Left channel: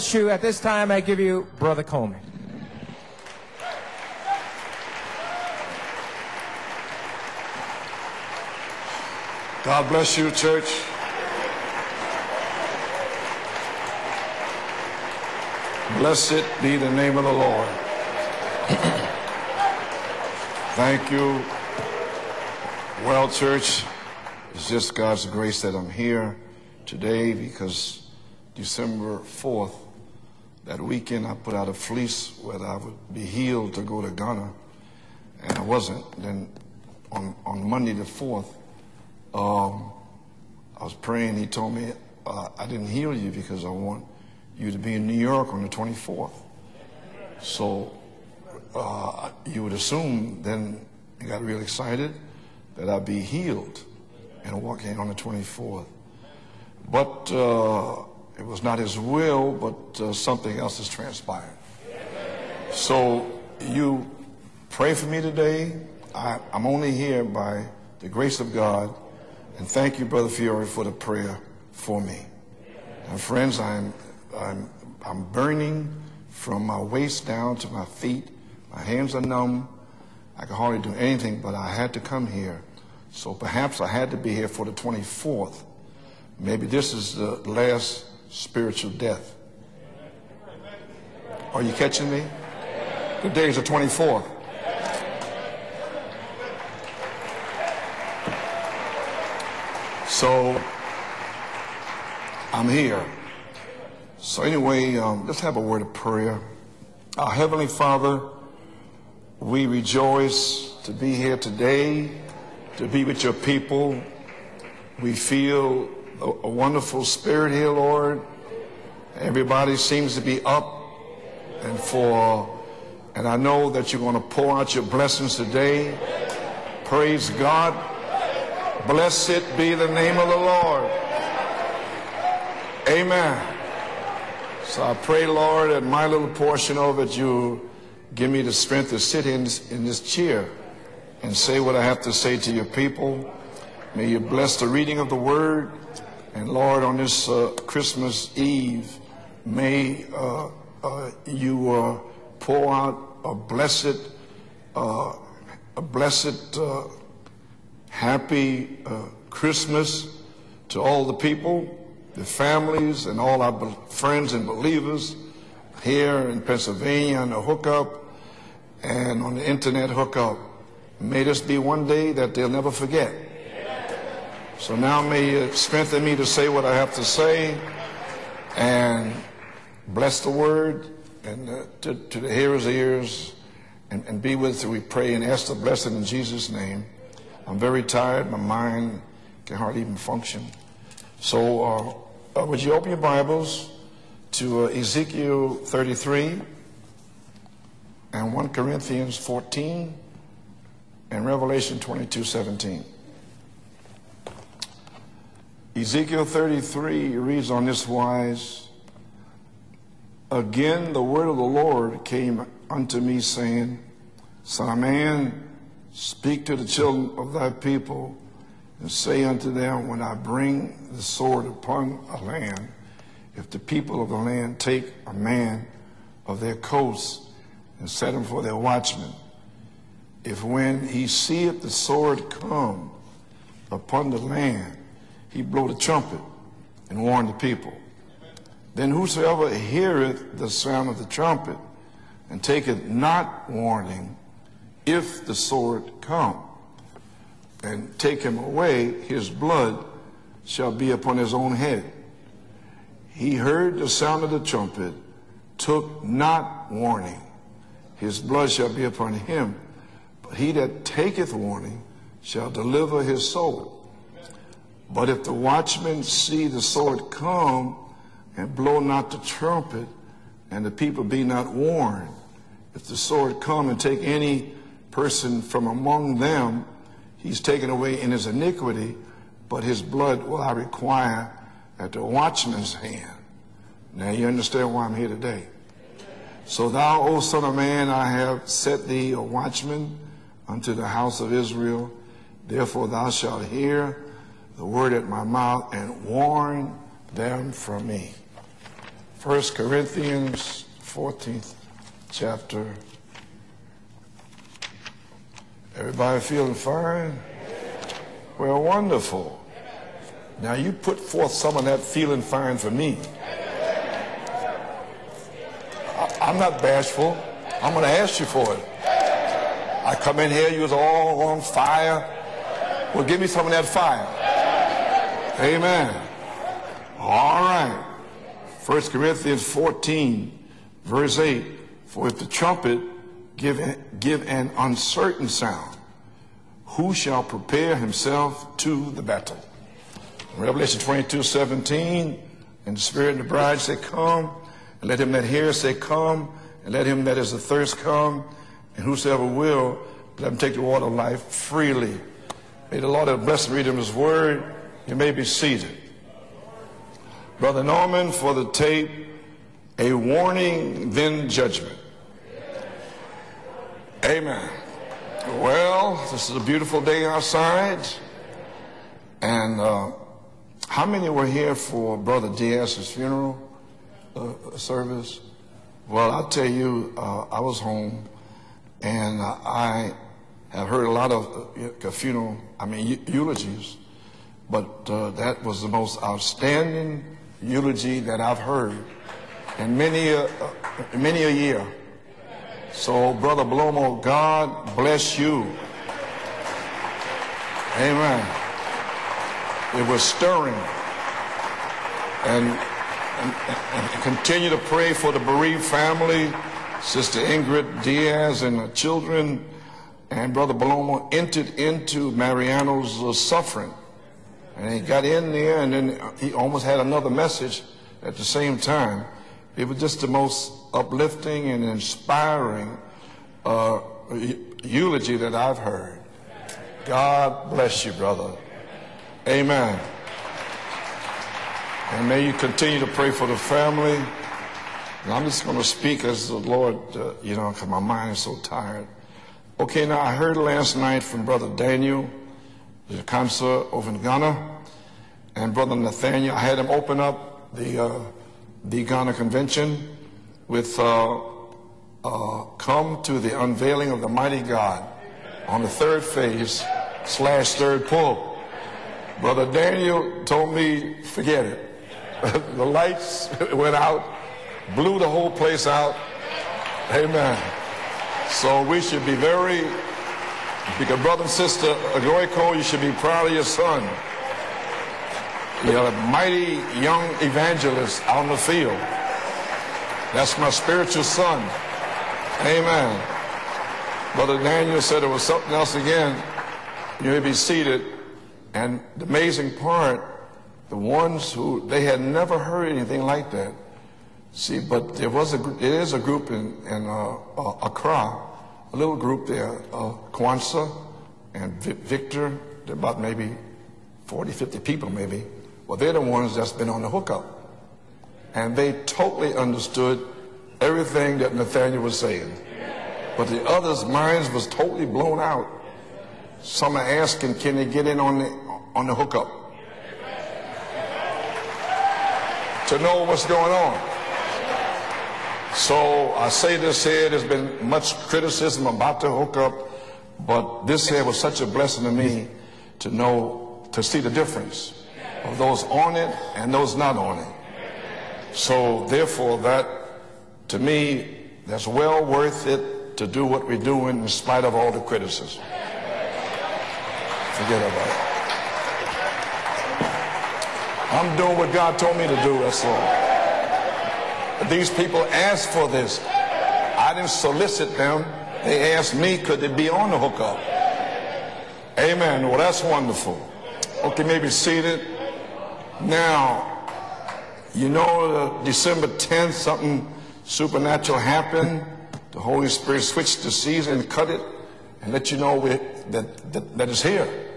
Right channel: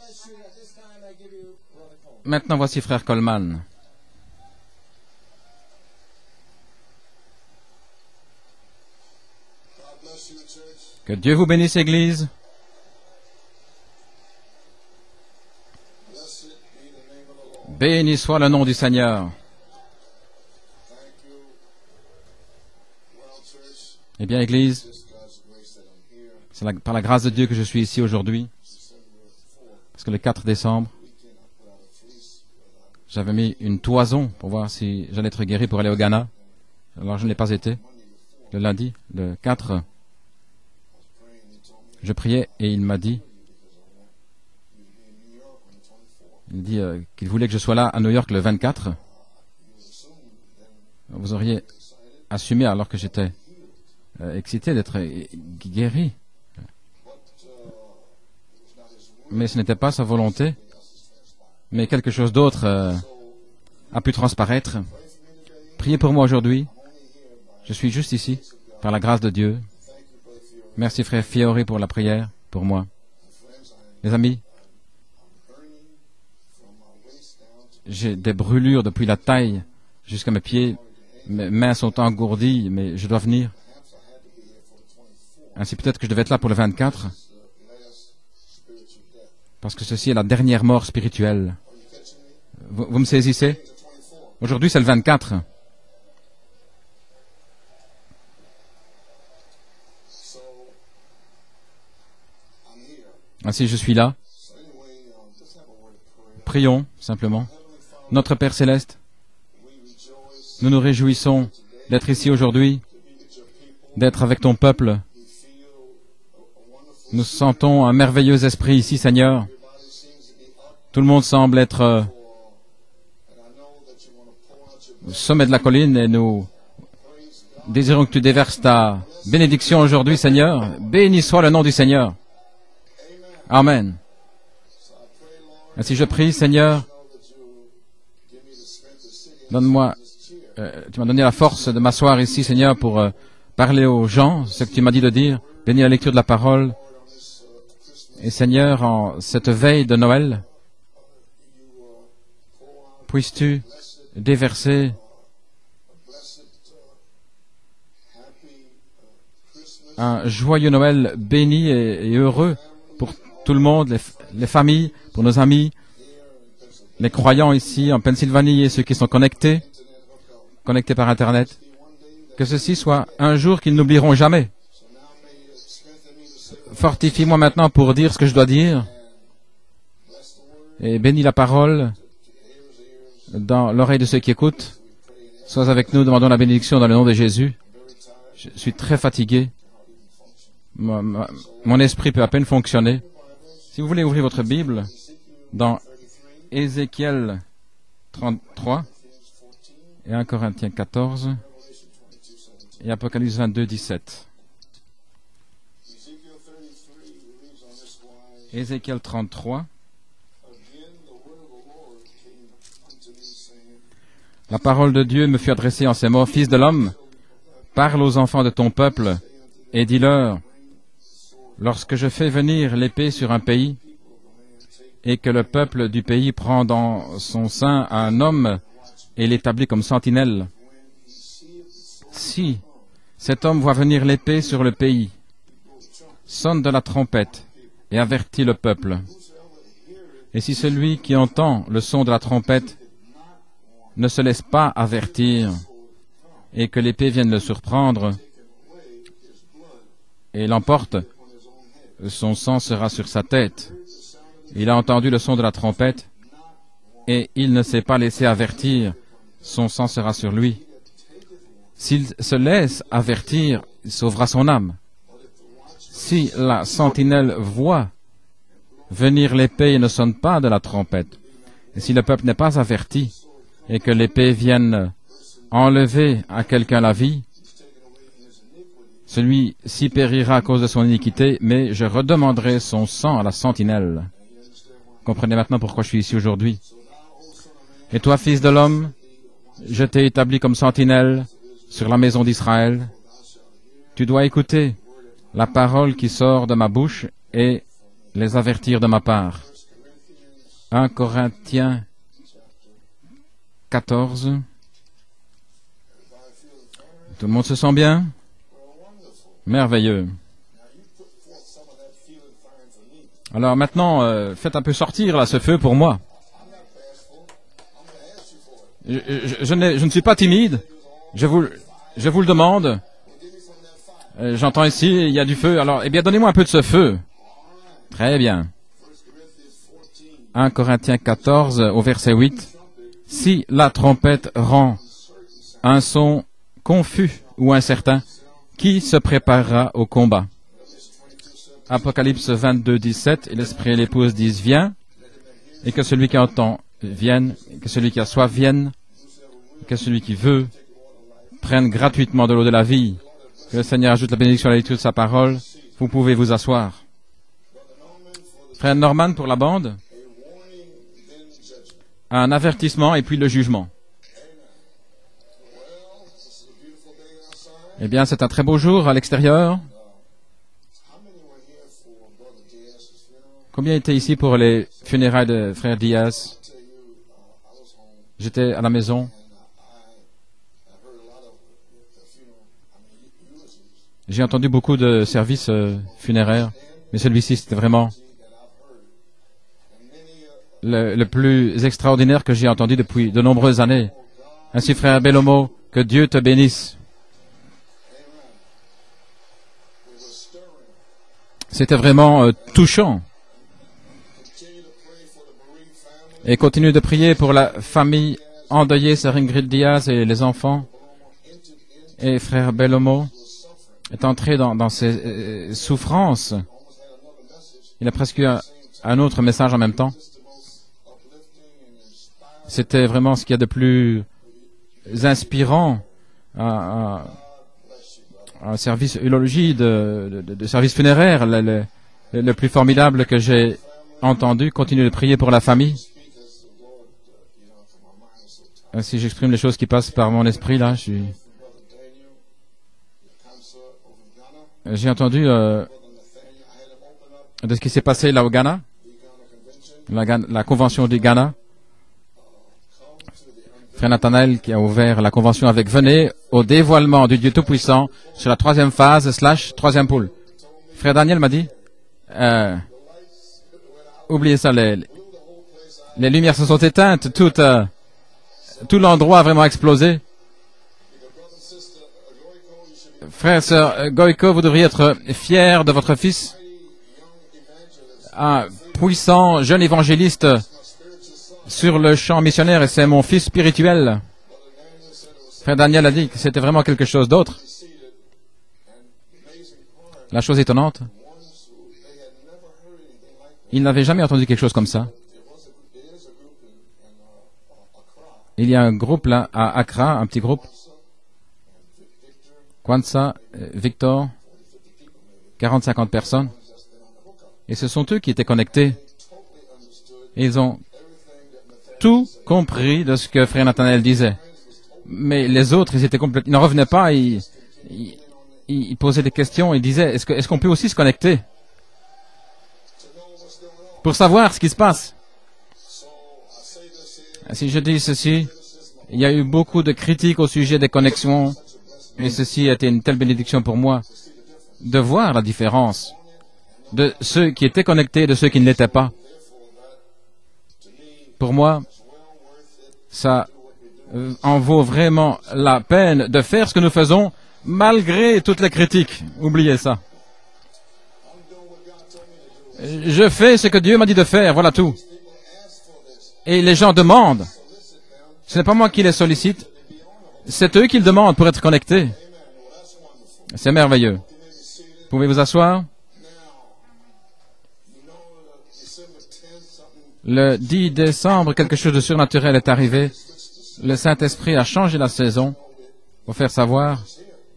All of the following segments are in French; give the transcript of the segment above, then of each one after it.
At this time, I give you Brother Coleman. Maintenant, voici frère Coleman. God bless you, church. Que Dieu vous bénisse, Église. Blessed be the name of the Lord. Béni soit le nom du Seigneur. Thank you. Well, church, Eh bien, it's Église, just God's grace that I'm here. c'est par la grâce de Dieu que je suis ici aujourd'hui. December 4th, Parce que le 4 that décembre, weekend, I put out a fleece whether I would j'avais be mis healed une to go to toison Ghana. pour voir si j'allais être And I guéri pour aller au wasn't. Ghana. Then Alors, je n'ai pas on été. Monday the 4th, Le lundi, le 4, I was praying. He told me, je priais I et il can m'a heal dit, you because I want you to be in New York on the 24th. il dit qu'il voulait que je sois là à New York le 24. You would assume then Vous you got auriez real excited assumé alors that que I'd be j'étais healed. excité d'être guéri. But it was not his will, Mais ce n'était pas sa but volonté. something else has transpired. Mais quelque chose d'autre So you a pu transparaître. pray for me today. Priez pour moi aujourd'hui. I'm only here by Je suis juste the grace ici of God. par la grâce de Dieu. And thank you, Brother Fiore, for Merci the frère prayer Fiori pour la for prière, me. pour moi. And friends, Les amis, I'm burning from my waist down to my j'ai feet. des brûlures My depuis hands la are taille numb. jusqu'à mes I can pieds. hardly do anything, Mes but I mains had sont to come engourdies, here. mais je dois So venir. perhaps I had to be here for the 24th. Ainsi peut-être que je devais être là pour le Maybe this 24, is the last spiritual death. parce que ceci est la dernière mort spirituelle. Are you catching me? Vous me Today's saisissez? the 24th. Aujourd'hui c'est le 24. So I'm here. Ainsi je suis là. So anyway, let's have a word of prayer. Prions Our simplement. Heavenly Father, Notre Père Céleste, we rejoice nous nous to be réjouissons here today, d'être ici aujourd'hui, to be with your people. d'être avec ton peuple. We feel a wonderful Nous spirit here, sentons un Lord. merveilleux esprit ici, Seigneur. Everybody seems to be up Tout le monde semble and être and I know that you're going to pour out your au blessings sommet de la today. colline et nous Praise God. désirons que tu déverses ta bénédiction aujourd'hui, Seigneur. Béni soit le nom du Seigneur. Amen. Amen. So I pray, Lord, that Ainsi my je little prie, portion Seigneur, of it, you give me the strength to sit in this donne-moi, chair. Tu m'as donné la force de m'asseoir ici, Seigneur, pour parler aux gens, ce que tu m'as dit de dire, bénir la lecture de la parole. Lord, on this Christmas Et Seigneur, Eve, en cette veille de Noël, you pour out puisses-tu déverser a blessed, happy Christmas un joyeux Noël béni et heureux pour tout le monde, les familles, pour nos amis, here in Pennsylvania, les croyants hook up, ici en Pennsylvanie et ceux qui sont and connectés internet hookup. par May this Internet. be one day that Que they'll never ceci soit forget. un jour qu'ils n'oublieront jamais. So now may you strengthen me to say what I have to Fortifie-moi say, maintenant pour dire ce que je dois dire and bless the word et bénis la parole to the hearers' ears. dans l'oreille de ceux qui Be with écoutent. us, we pray, and ask the Sois avec blessing nous, in demandons la Jesus' bénédiction name. dans le nom de Jésus. I'm very tired. My Je suis mind très fatigué. can hardly even function. Mon So, esprit peut à peine would you open fonctionner. your Bibles Si vous voulez ouvrir votre to, Bible Ezekiel dans 33 Ézéchiel and 1 33 Corinthians 14 et 1 Corinthiens 14 and Revelation 22:17. et Apocalypse 22, 17. Ezekiel 33 reads on this wise, Ézéchiel 33. Again the word of the Lord came unto me, saying, La Son parole de man, Dieu me fut adressée en ces mots, speak Fils to de the l'homme, children of thy people, parle aux enfants de ton peuple say unto them, et when dis-leur, I bring the sword upon lorsque je fais a man, venir l'épée sur un the pays people of the land take et a que le man peuple du pays of their prend dans coasts, son sein set un him for homme their watchman. et l'établit comme sentinelle, When he seeth the sword Si come, cet homme voit venir l'épée sur le pays, he blow the trumpet, sonne de la warn trompette the people. et avertit le peuple. Then whosoever heareth Et the si sound celui of the qui trumpet entend le son de la trompette taketh not warning, ne se laisse pas if the avertir sword come, et que l'épée vienne le and surprendre take him away, his blood et shall l'emporte, be upon his own head. son sang sera sur sa He tête. heard the sound of the trumpet, Il a entendu le son de la trompette took not warning, et il ne s'est pas his laissé blood shall be avertir. upon him. Son sang sera sur He lui. that taketh warning, S'il se shall laisse deliver his avertir, soul. il sauvera son âme. But if the watchman Si see la the sword sentinelle come, voit and blow not venir the l'épée et ne trumpet, sonne pas de la and the people trompette, be not warned, si le peuple n'est pas the averti sword come and et que take l'épée any vienne person from enlever among à them, quelqu'un la vie, he's taken away in his iniquity, celui-ci périra à cause de son iniquité, mais je redemanderai son sang à la sentinelle. Now you understand why I'm here Comprenez today. maintenant pourquoi je suis ici aujourd'hui. So thou, O son of man, Et I toi, have fils de l'homme, set thee a watchman Je t'ai établi comme unto the sentinelle house of Israel. sur la maison d'Israël. Therefore thou shalt hear Tu dois écouter the word at my la mouth parole and qui sort de ma warn bouche them et from me. les avertir de ma part. 1 Corinthiens 14. Everybody feeling fine? Tout le monde se sent bien? Well, wonderful. Merveilleux. Now you put forth some of that feeling fine for me. Alors maintenant, faites un peu sortir là, ce feu pour moi. I'm not bashful. I'm going to ask you for it. Je ne suis pas timide. Je vous le demande. Well, give me some of that fire. J'entends ici, il y a du feu. Alors, eh bien, donnez-moi un peu de ce feu. All right. Très bien. 1 Corinthians 14. 1 Corinthiens 14, au verset 8. Si la trompette rend un son confus ou incertain, qui se préparera au combat? Apocalypse 22, 17, l'Esprit et l'épouse disent, viens, et que celui qui entend vienne, que celui qui a soif vienne, que celui qui veut prenne gratuitement de l'eau de la vie. Le Seigneur ajoute la bénédiction à la lecture de sa parole. Vous pouvez vous asseoir. Frère Norman pour la bande, un avertissement et puis le jugement. Amen. Well, this is a beautiful day outside. Eh bien, c'est un très beau jour à l'extérieur. How many were here for Brother Diaz's funeral? Combien étaient ici pour les funérailles de frère Well, I'll Diaz? tell you, I was home, J'étais à la maison. and I have heard a lot of funeral, eulogies. J'ai entendu beaucoup de services funéraires, mais celui-ci, c'était vraiment le plus extraordinaire que j'ai entendu depuis de nombreuses années. Ainsi, frère Bellomo, que Dieu te bénisse. Amen. It was stirring. C'était vraiment touchant. Et continue de prier pour la famille endeuillée, Sœur Ingrid Diaz et les enfants. Et frère Bellomo est entré dans ces souffrances. Il a presque eu un autre message en même temps. C'était vraiment ce qu'il y a de plus inspirant. Un service eulogie de service funéraire, le plus formidable que j'ai entendu. Continue de prier pour la famille. Ainsi, j'exprime les choses qui passent par mon esprit là. J'ai entendu de ce qui s'est passé là au Ghana, la convention du Ghana. Frère Nathanaël qui a ouvert la convention avec venez au dévoilement du Dieu Tout-Puissant sur la troisième phase / troisième pôle. Frère Daniel m'a dit, oubliez ça, les lumières se sont éteintes, tout l'endroit a vraiment explosé. Frère et sœur Goïko, vous devriez être fiers de votre fils, un puissant jeune évangéliste sur le champ missionnaire, et c'est mon fils spirituel. Frère Daniel a dit que c'était vraiment quelque chose d'autre. La chose étonnante, il n'avait jamais entendu quelque chose comme ça. Il y a un groupe là à Accra, un petit groupe, Kwanzaa, Victor, 40-50 personnes, et ce sont eux qui étaient connectés. Ils ont tout compris de ce que frère Nathanaël disait. Mais les autres, ils n'en revenaient pas, ils posaient des questions, ils disaient, est-ce qu'on peut aussi se connecter pour savoir ce qui se passe? Si je dis ceci, il y a eu beaucoup de critiques au sujet des connexions, mais ceci a été une telle bénédiction pour moi de voir la différence de ceux qui étaient connectés et de ceux qui ne l'étaient pas. Pour moi, ça en vaut vraiment la peine de faire ce que nous faisons malgré toutes les critiques. Oubliez ça. Je fais ce que Dieu m'a dit de faire, voilà tout. Et les gens demandent. Ce n'est pas moi qui les sollicite. C'est eux qui le demandent pour être connectés. C'est merveilleux. Vous pouvez vous asseoir. Le 10 décembre, quelque chose de surnaturel est arrivé. Le Saint-Esprit a changé la saison pour faire savoir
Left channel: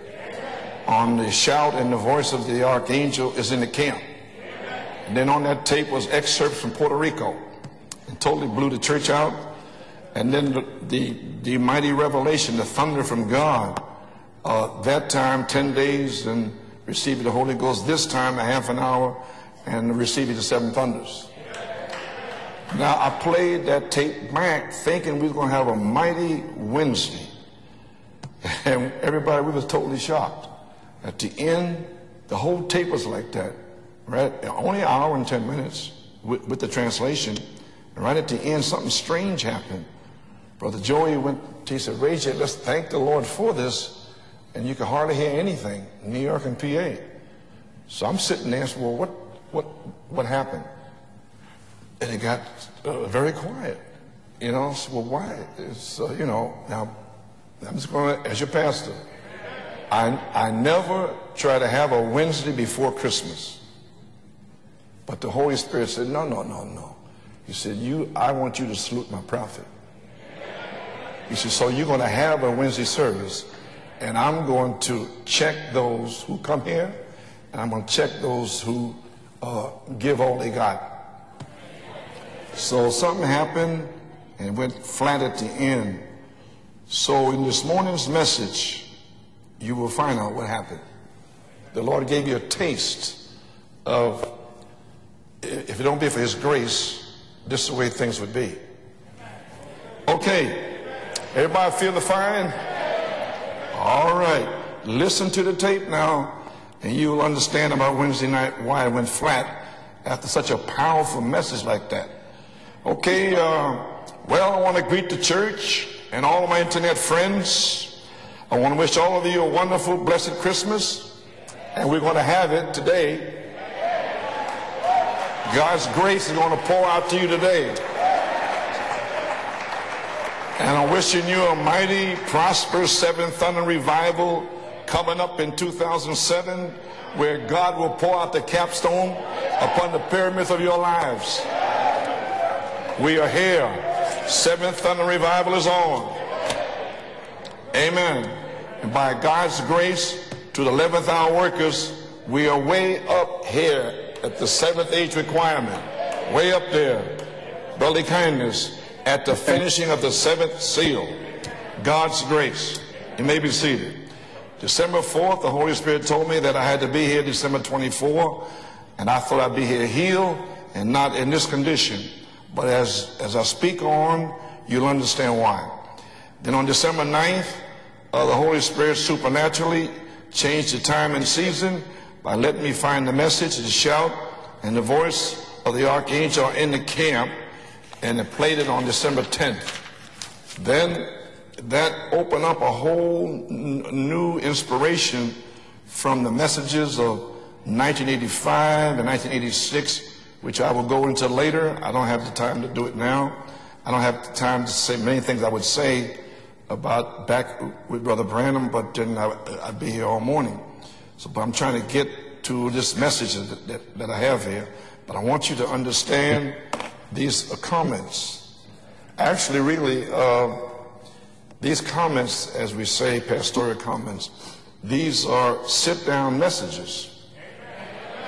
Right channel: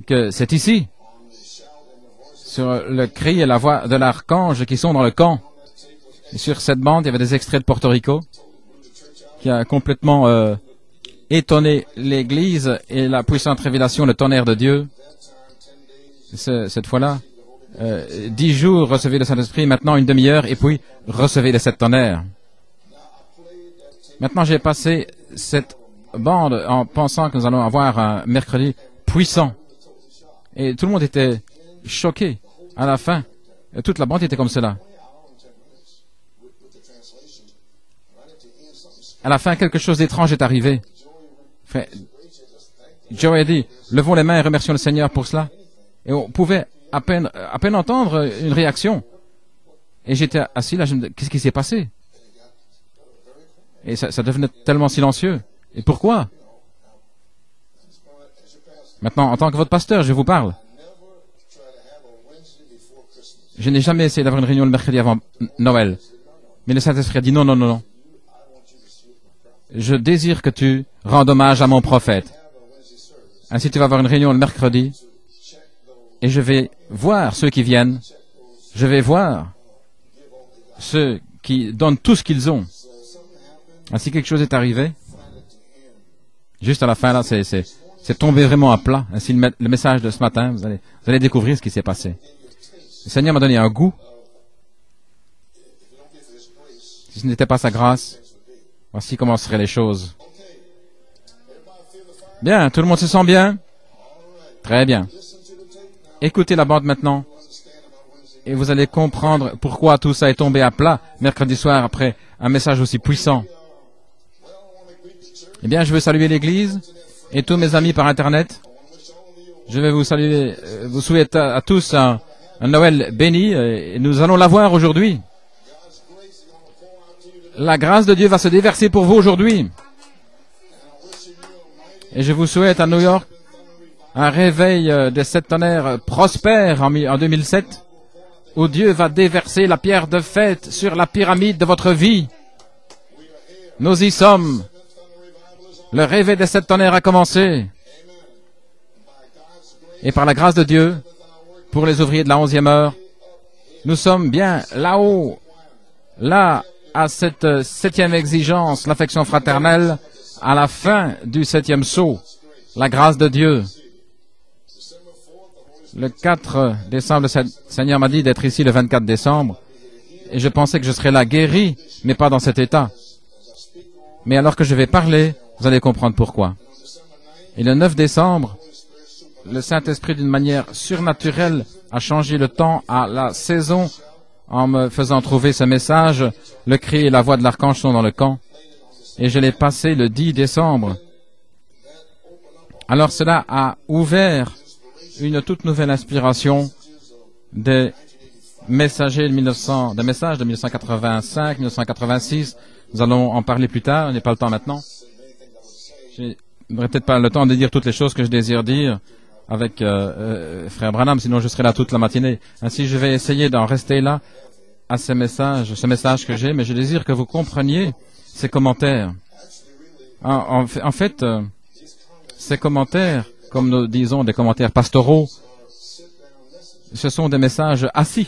que c'est ici, on the shout and the voice of the sur le archangel cri et is la in voix the de camp. l'archange qui sont dans le Then camp. on that tape was excerpts Sur from cette Puerto bande, il y avait des Rico. extraits de Porto Rico Totally blew the church out. qui a complètement And then the étonné mighty revelation, l'Église the thunder et la from puissante God. révélation, le tonnerre de Dieu. That time, 10 days, and Cette fois-là, received the Holy Ghost. This time, 10 half an jours, hour, recevez le Saint-Esprit, maintenant and une received demi-heure, the et puis seven thunders. recevez les 7 tonnerres. Now, I played that tape Maintenant, j'ai back, passé thinking we were gonna cette have a mighty bande en Wednesday. pensant que nous allons avoir un mercredi And everybody puissant. was totally shocked. Et tout le monde était choqué. The whole tape À la was fin, like that. toute la bande était comme cela. Only an hour and 10 minutes with the translation. And right at the end, something strange À la fin, happened. quelque chose d'étrange est arrivé. Joey went, he said, Ray, let's thank the Lord Joe a for dit, this. levons les mains et remercions le You can Seigneur hardly pour hear cela. anything Et in on the pouvait RPA. à peine So I'm entendre sitting une there, réaction. what Et j'étais happened? assis là, qu'est-ce qui s'est passé? And it got very quiet. Et ça devenait You know, tellement so why? silencieux. Et So, pourquoi? you know, now, I'm just going as your pastor. Maintenant, en tant que votre pasteur, je vous I parle. never try to have a Wednesday before Christmas. Je n'ai jamais essayé d'avoir une réunion le mercredi avant The Holy Spirit Noël. said, no, no, no. Mais le Saint-Esprit a dit non, non, non, non. I want you to salute my prophet. Je désire que tu rendes hommage à mon you're gonna prophète. have a Wednesday service. Ainsi, tu vas avoir une réunion le I'm going mercredi. to check those Et je who come vais here. voir ceux qui I'm viennent. gonna check those who Je vais voir give all they got. ceux qui donnent tout ce qu'ils ont. So something happened. Ainsi, quelque chose est arrivé. Flat at the end. Juste à la fin, là, c'est tombé vraiment à plat. Ainsi, le message de ce matin, vous allez découvrir ce qui s'est The Lord passé. gave you a Le taste Seigneur m'a donné un goût. of, if it don't be for His grace, Si ce n'était pas this sa is the way grâce, things would be. voici comment seraient les choses. Okay. Everybody feel the fire? Bien, tout le monde se sent bien? All right. Très bien. Listen to the tape now. Écoutez la bande And you maintenant. will understand about Wednesday night Et vous why allez it went comprendre flat. pourquoi tout ça est Such tombé a à plat powerful mercredi message soir like that. après un message aussi Okay, puissant. well, I want to greet the church Eh bien, je veux saluer and all my l'Église internet friends. et tous mes amis par Internet. I want to wish all of you a Je wonderful, vais vous blessed saluer, Christmas. vous souhaite à tous And we're un gonna have it Noël today. béni. Et nous allons l'avoir aujourd'hui. God's grace is going to pour out to you today. La grâce de Dieu va se déverser pour vous aujourd'hui. And I'm wishing you a mighty, Et je vous souhaite à New York prosperous Seventh Thunder revival un réveil coming des up sept in tonnerres 2007, prospère en where 2007, God will pour out the où Dieu va capstone déverser la upon pierre the de pyramids fête of your sur la lives. pyramide de votre vie. We are here. Nous y sommes. Seventh Thunder revival is on. Le réveil des sept tonnerres a commencé. Amen. And by God's grace, Et par la grâce de to the Dieu, 11th hour workers, pour les ouvriers de la we are 11e heure, way up here nous sommes at the bien seventh là-haut, age requirement. là, à cette septième exigence, l'affection fraternelle, à la fin du septième saut, la grâce de Dieu. Le 4 décembre, le Seigneur m'a dit d'être ici le 24 décembre, et je pensais que je serais là guéri, mais pas dans cet état. Mais alors que je vais parler, vous allez comprendre pourquoi. Et le 9 décembre, le Saint-Esprit, d'une manière surnaturelle, a changé le temps à la saison en me faisant trouver ce message. Le cri et la voix de l'archange sont dans le camp, et je l'ai passé le 10 décembre. Alors cela a ouvert une toute nouvelle inspiration des messages de 1985, 1986. Nous allons en parler plus tard, il n'y a pas le temps maintenant. Je n'aurai peut-être pas le temps de dire toutes les choses que je désire dire avec Frère Branham, sinon je serai là toute la matinée. Ainsi, je vais essayer d'en rester là à ce message que j'ai, mais je désire que vous compreniez ces commentaires. En fait, ces commentaires, comme nous disons des commentaires pastoraux, ce sont des messages assis.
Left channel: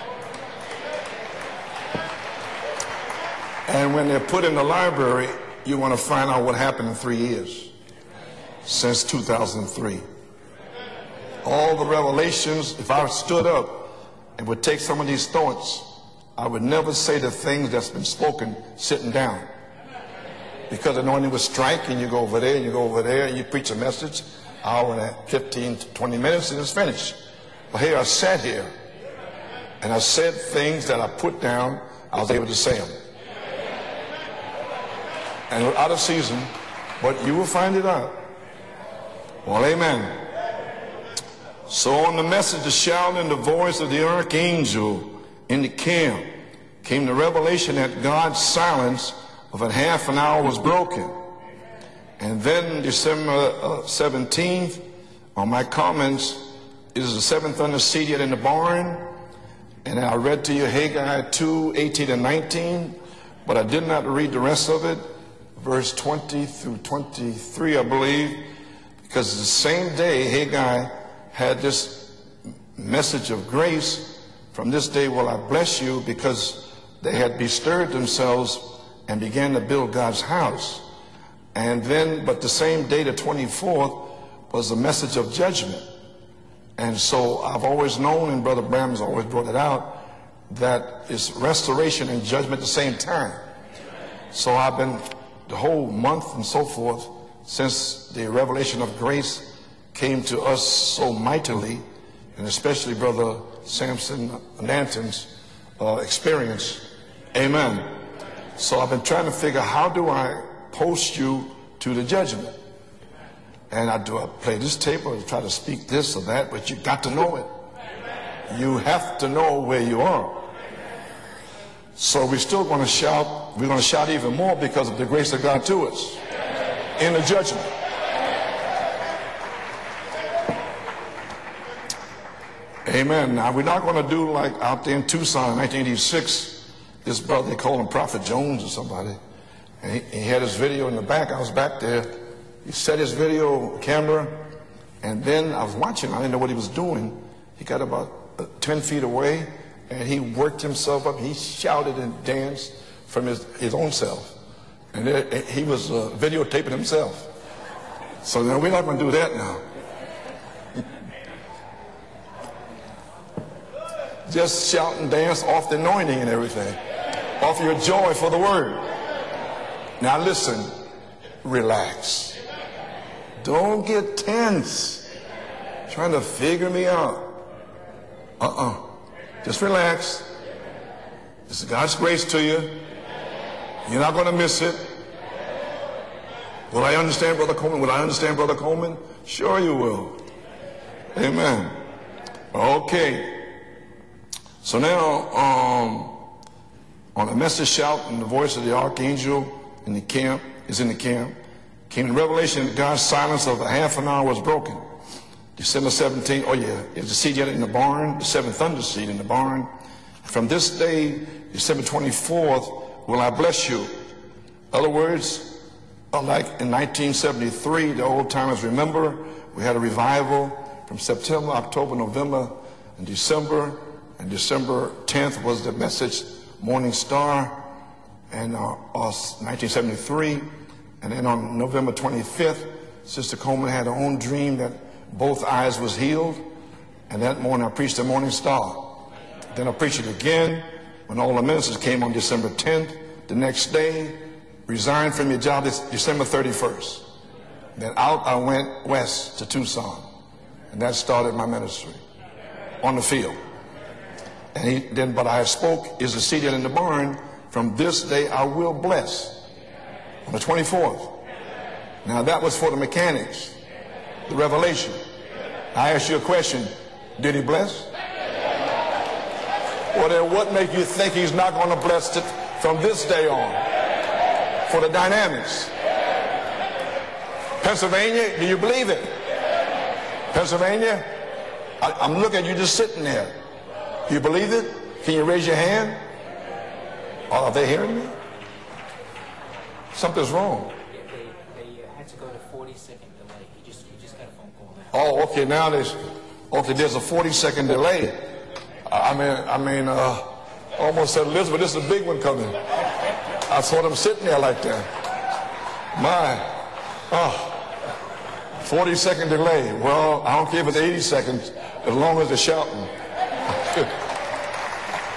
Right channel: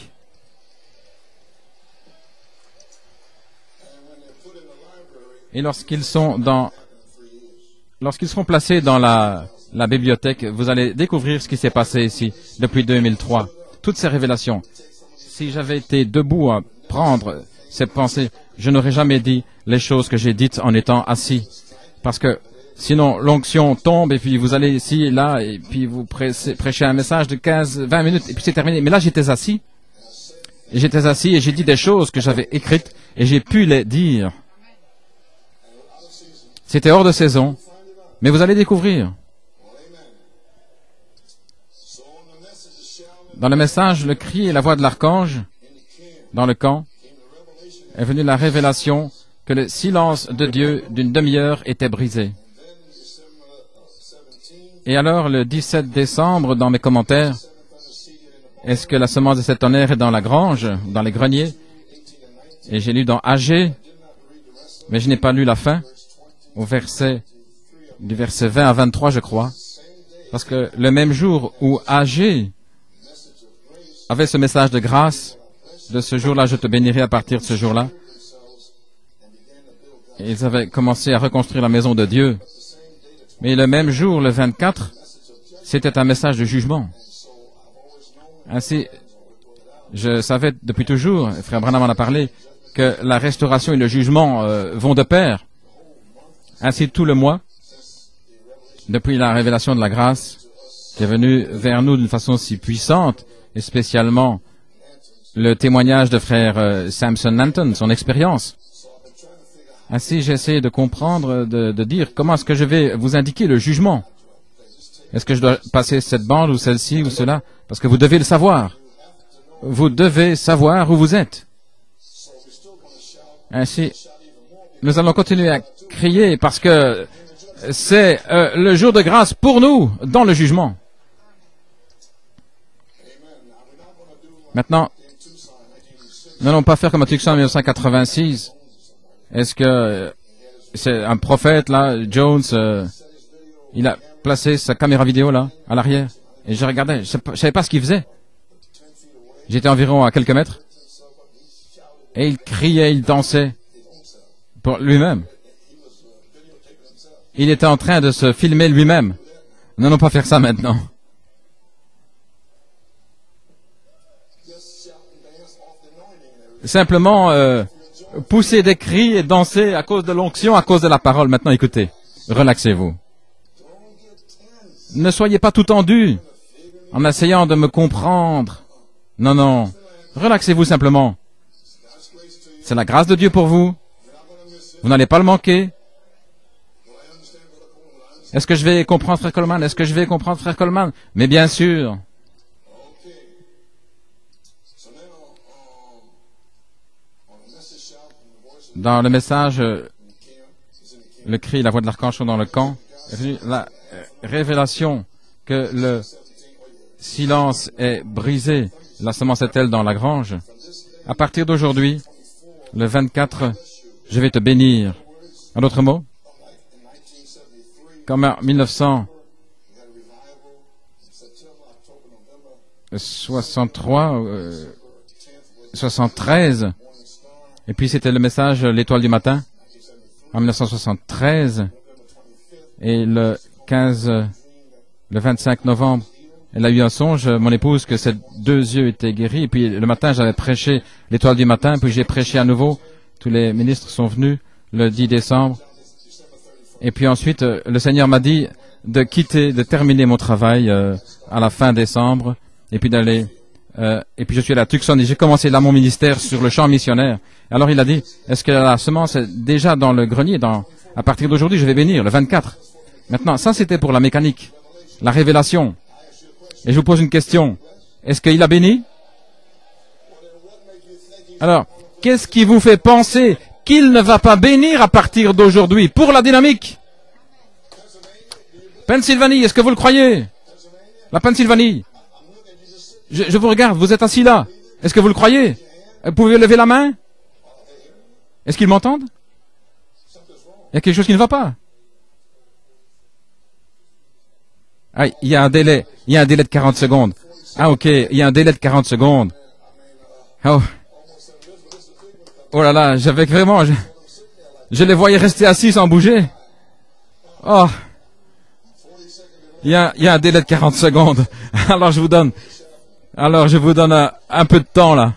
Et lorsqu'ils seront placés dans la bibliothèque, vous allez découvrir ce qui s'est passé ici depuis 2003. Toutes ces révélations. Si j'avais été debout à prendre cette pensée, je n'aurais jamais dit les choses que j'ai dites en étant assis. Parce que sinon, l'onction tombe et puis vous allez ici, là, et puis vous prêchez un message de 15, 20 minutes et puis c'est terminé. Mais là, j'étais assis. J'étais assis et j'ai dit des choses que j'avais écrites et j'ai pu les dire. C'était hors de saison, mais vous allez découvrir. Dans le message, le cri et la voix de l'archange, dans le camp, est venue la révélation que le silence de Dieu d'une demi-heure était brisé. Et alors, le 17 décembre, dans mes commentaires, est-ce que la semence de cet tonnerre est dans la grange, dans les greniers? Et j'ai lu dans Agé, mais je n'ai pas lu la fin, au verset 20 à 23, je crois. Parce que le même jour où Agé avait ce message de grâce, de ce jour-là, je te bénirai à partir de ce jour-là, ils avaient commencé à reconstruire la maison de Dieu. Et le même jour, le 24, c'était un message de jugement. Ainsi, je savais depuis toujours, Frère Branham en a parlé, que la restauration et le jugement vont de pair. Ainsi, tout le mois, depuis la révélation de la grâce, est venue vers nous d'une façon si puissante, et spécialement le témoignage de frère Samson Nanton, son expérience. Ainsi, j'ai essayé de comprendre, de dire comment est-ce que je vais vous indiquer le jugement. Est-ce que je dois passer cette bande ou celle-ci ou cela? Parce que vous devez le savoir. Vous devez savoir où vous êtes. Ainsi, nous allons continuer à crier parce que c'est le jour de grâce pour nous dans le jugement. Maintenant, nous n'allons pas faire comme à Tucson en 1986. Est-ce que c'est un prophète, là, Jones, il a placé sa caméra vidéo, là, à l'arrière, et je regardais, je ne savais pas ce qu'il faisait. J'étais environ à quelques mètres, et il criait, il dansait pour lui-même. Il était en train de se filmer lui-même. Nous n'allons pas faire ça maintenant. Simplement pousser des cris et danser à cause de l'onction, à cause de la parole. Maintenant, écoutez, relaxez-vous. Ne soyez pas tout tendu en essayant de me comprendre. Non, non. Relaxez-vous simplement. C'est la grâce de Dieu pour vous. Vous n'allez pas le manquer. Est-ce que je vais comprendre, Frère Coleman? Est-ce que je vais comprendre, Frère Coleman? Mais bien sûr. Dans le message, le cri, la voix de l'archange dans le camp, la révélation que le silence est brisé, la semence est-elle dans la grange? À partir d'aujourd'hui, le 24, je vais te bénir. En d'autres mots, comme en 1963, 73, et puis c'était le message L'étoile du matin, en 1973, et le 25 novembre, elle a eu un songe, mon épouse, que ses deux yeux étaient guéris, et puis le matin, j'avais prêché l'étoile du matin, puis j'ai prêché à nouveau, tous les ministres sont venus, le 10 décembre, et puis ensuite, le Seigneur m'a dit de quitter, de terminer mon travail à la fin décembre, et puis d'aller, et puis je suis allé à Tucson, et j'ai commencé là mon ministère sur le champ missionnaire. Alors il a dit, est-ce que la semence est déjà dans le grenier? À partir d'aujourd'hui, je vais bénir, le 24. Maintenant, ça c'était pour la mécanique, la révélation. Et je vous pose une question. Est-ce qu'il a béni? Alors, qu'est-ce qui vous fait penser qu'il ne va pas bénir à partir d'aujourd'hui pour la dynamique? Pennsylvanie, est-ce que vous le croyez? La Pennsylvanie. Je vous regarde, vous êtes assis là. Est-ce que vous le croyez? Vous pouvez lever la main? Est-ce qu'ils m'entendent? Il y a quelque chose qui ne va pas. Ah, il y a un délai de 40 secondes. Ah, ok, il y a un délai de 40 secondes. Oh, oh là là, j'avais vraiment... Je les voyais rester assis sans bouger. Oh. Il y a un délai de 40 secondes. Alors je vous donne un peu de temps là.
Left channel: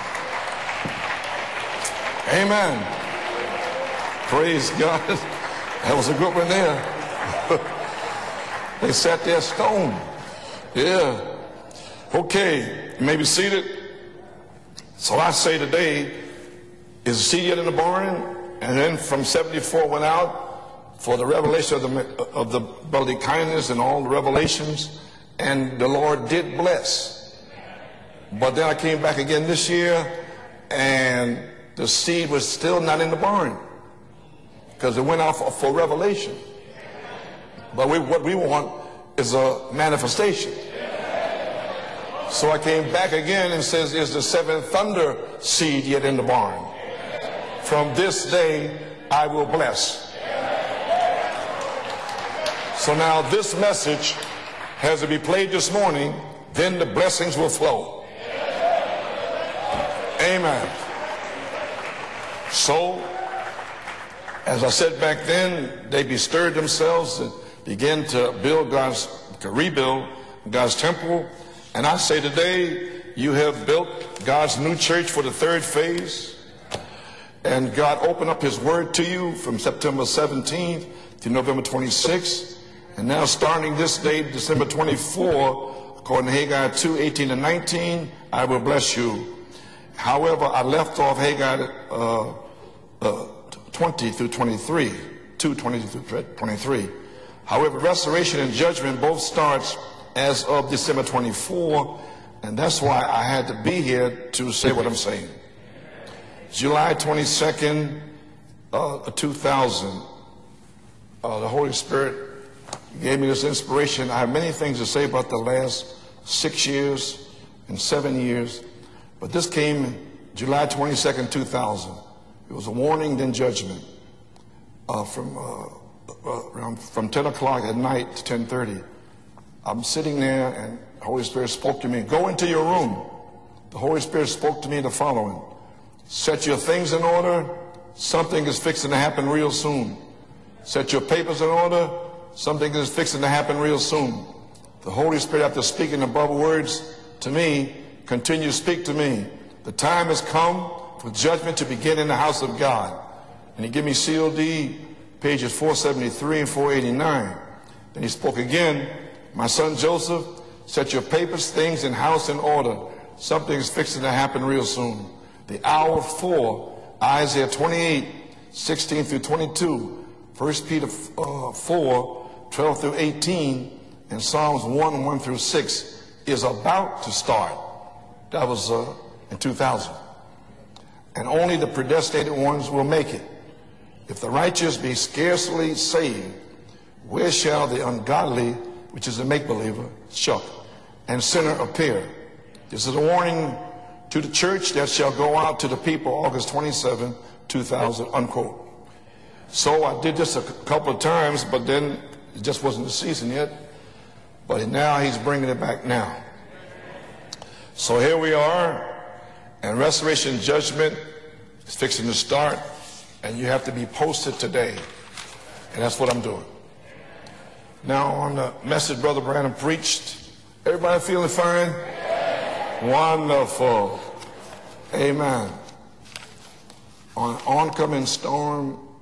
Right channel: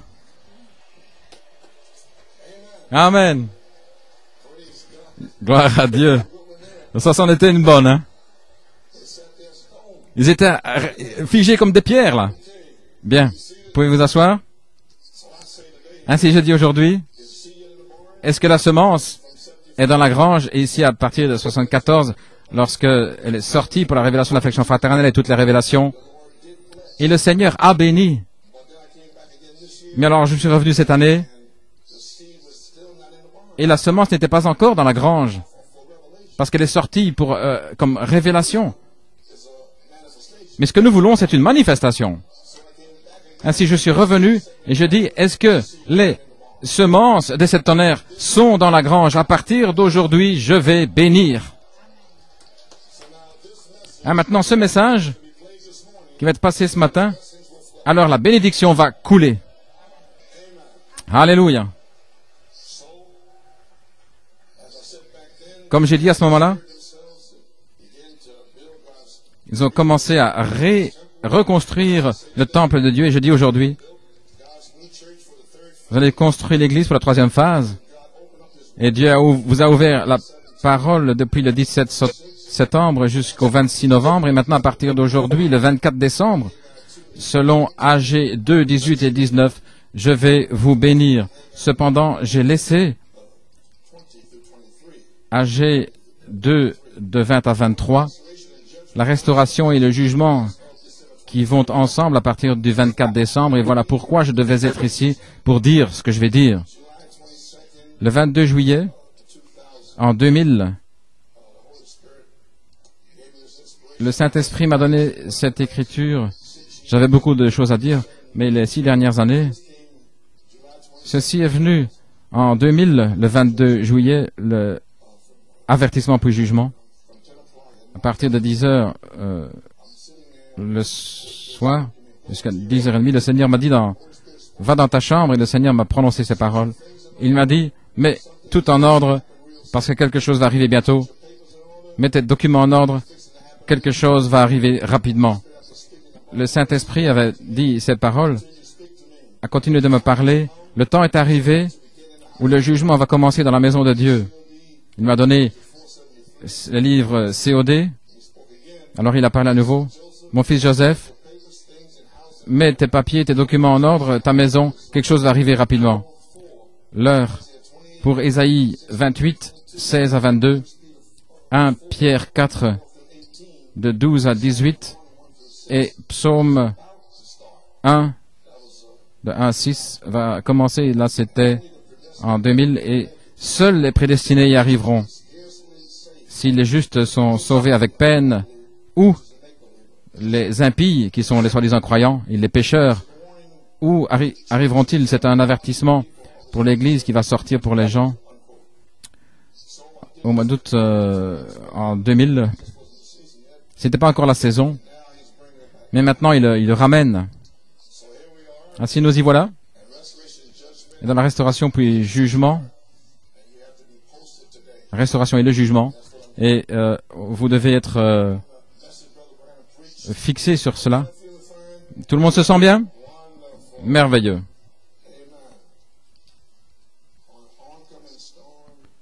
Amen. Gloire à Dieu. Ça c'en était une bonne, hein. Ils étaient figés comme des pierres là. Bien, pouvez vous asseoir? Ainsi je dis aujourd'hui, est-ce que la semence est dans la grange? Et ici, à partir de 1974, lorsque elle est sortie pour la révélation de l'affection fraternelle et toutes les révélations, et le Seigneur a béni. Mais alors, je suis revenu cette année, Et la semence n'était pas encore dans la grange, parce qu'elle est sortie comme révélation. Mais ce que nous voulons, c'est une manifestation. Ainsi, je suis revenu et je dis, est-ce que les semences des septonnaires sont dans la grange? À partir d'aujourd'hui, je vais bénir. Maintenant, ce message qui va être passé ce matin, alors la bénédiction va couler. Alléluia. Comme j'ai dit à ce moment-là, ils ont commencé à reconstruire le temple de Dieu. Et je dis aujourd'hui, vous allez construire l'église pour la troisième phase. Et Dieu vous a ouvert la parole depuis le 17 septembre jusqu'au 26 novembre. Et maintenant, à partir d'aujourd'hui, le 24 décembre, selon AG 2, 18 et 19, je vais vous bénir. Cependant, j'ai laissé AG 2 de 20 à 23, la restauration et le jugement, ils vont ensemble à partir du 24 décembre, et voilà pourquoi je devais être ici pour dire ce que je vais dire. Le 22 juillet, en 2000, le Saint-Esprit m'a donné cette écriture. J'avais beaucoup de choses à dire, mais les 6 dernières années, ceci est venu. En 2000, le 22 juillet, le avertissement pour jugement, à partir de 10 heures le soir, 10h30, le Seigneur m'a dit, va dans ta chambre, et le Seigneur m'a prononcé ces paroles. Il m'a dit, mets tout en ordre, parce que quelque chose va arriver bientôt. Mets tes documents en ordre, quelque chose va arriver rapidement. Le Saint-Esprit avait dit ces paroles, a continué de me parler. Le temps est arrivé où le jugement va commencer dans la maison de Dieu. Il m'a donné le livre COD. Alors il a parlé à nouveau. Mon fils Joseph, mets tes papiers, tes documents en ordre, ta maison, quelque chose va arriver rapidement. L'heure pour Ésaïe 28, 16 à 22, 1 Pierre 4, de 12 à 18, et Psaume 1, de 1 à 6, va commencer, là c'était en 2000, et seuls les prédestinés y arriveront. Si les justes sont sauvés avec peine, ou les impies, qui sont les soi-disant croyants, et les pécheurs, où arriveront-ils? C'est un avertissement pour l'Église qui va sortir pour les gens. Au mois d'août en 2000, c'était pas encore la saison, mais maintenant il le ramène. Ainsi nous y voilà, dans la restauration puis le jugement. Restauration et le jugement. Et vous devez être fixé sur cela. Tout le monde se sent bien? Merveilleux.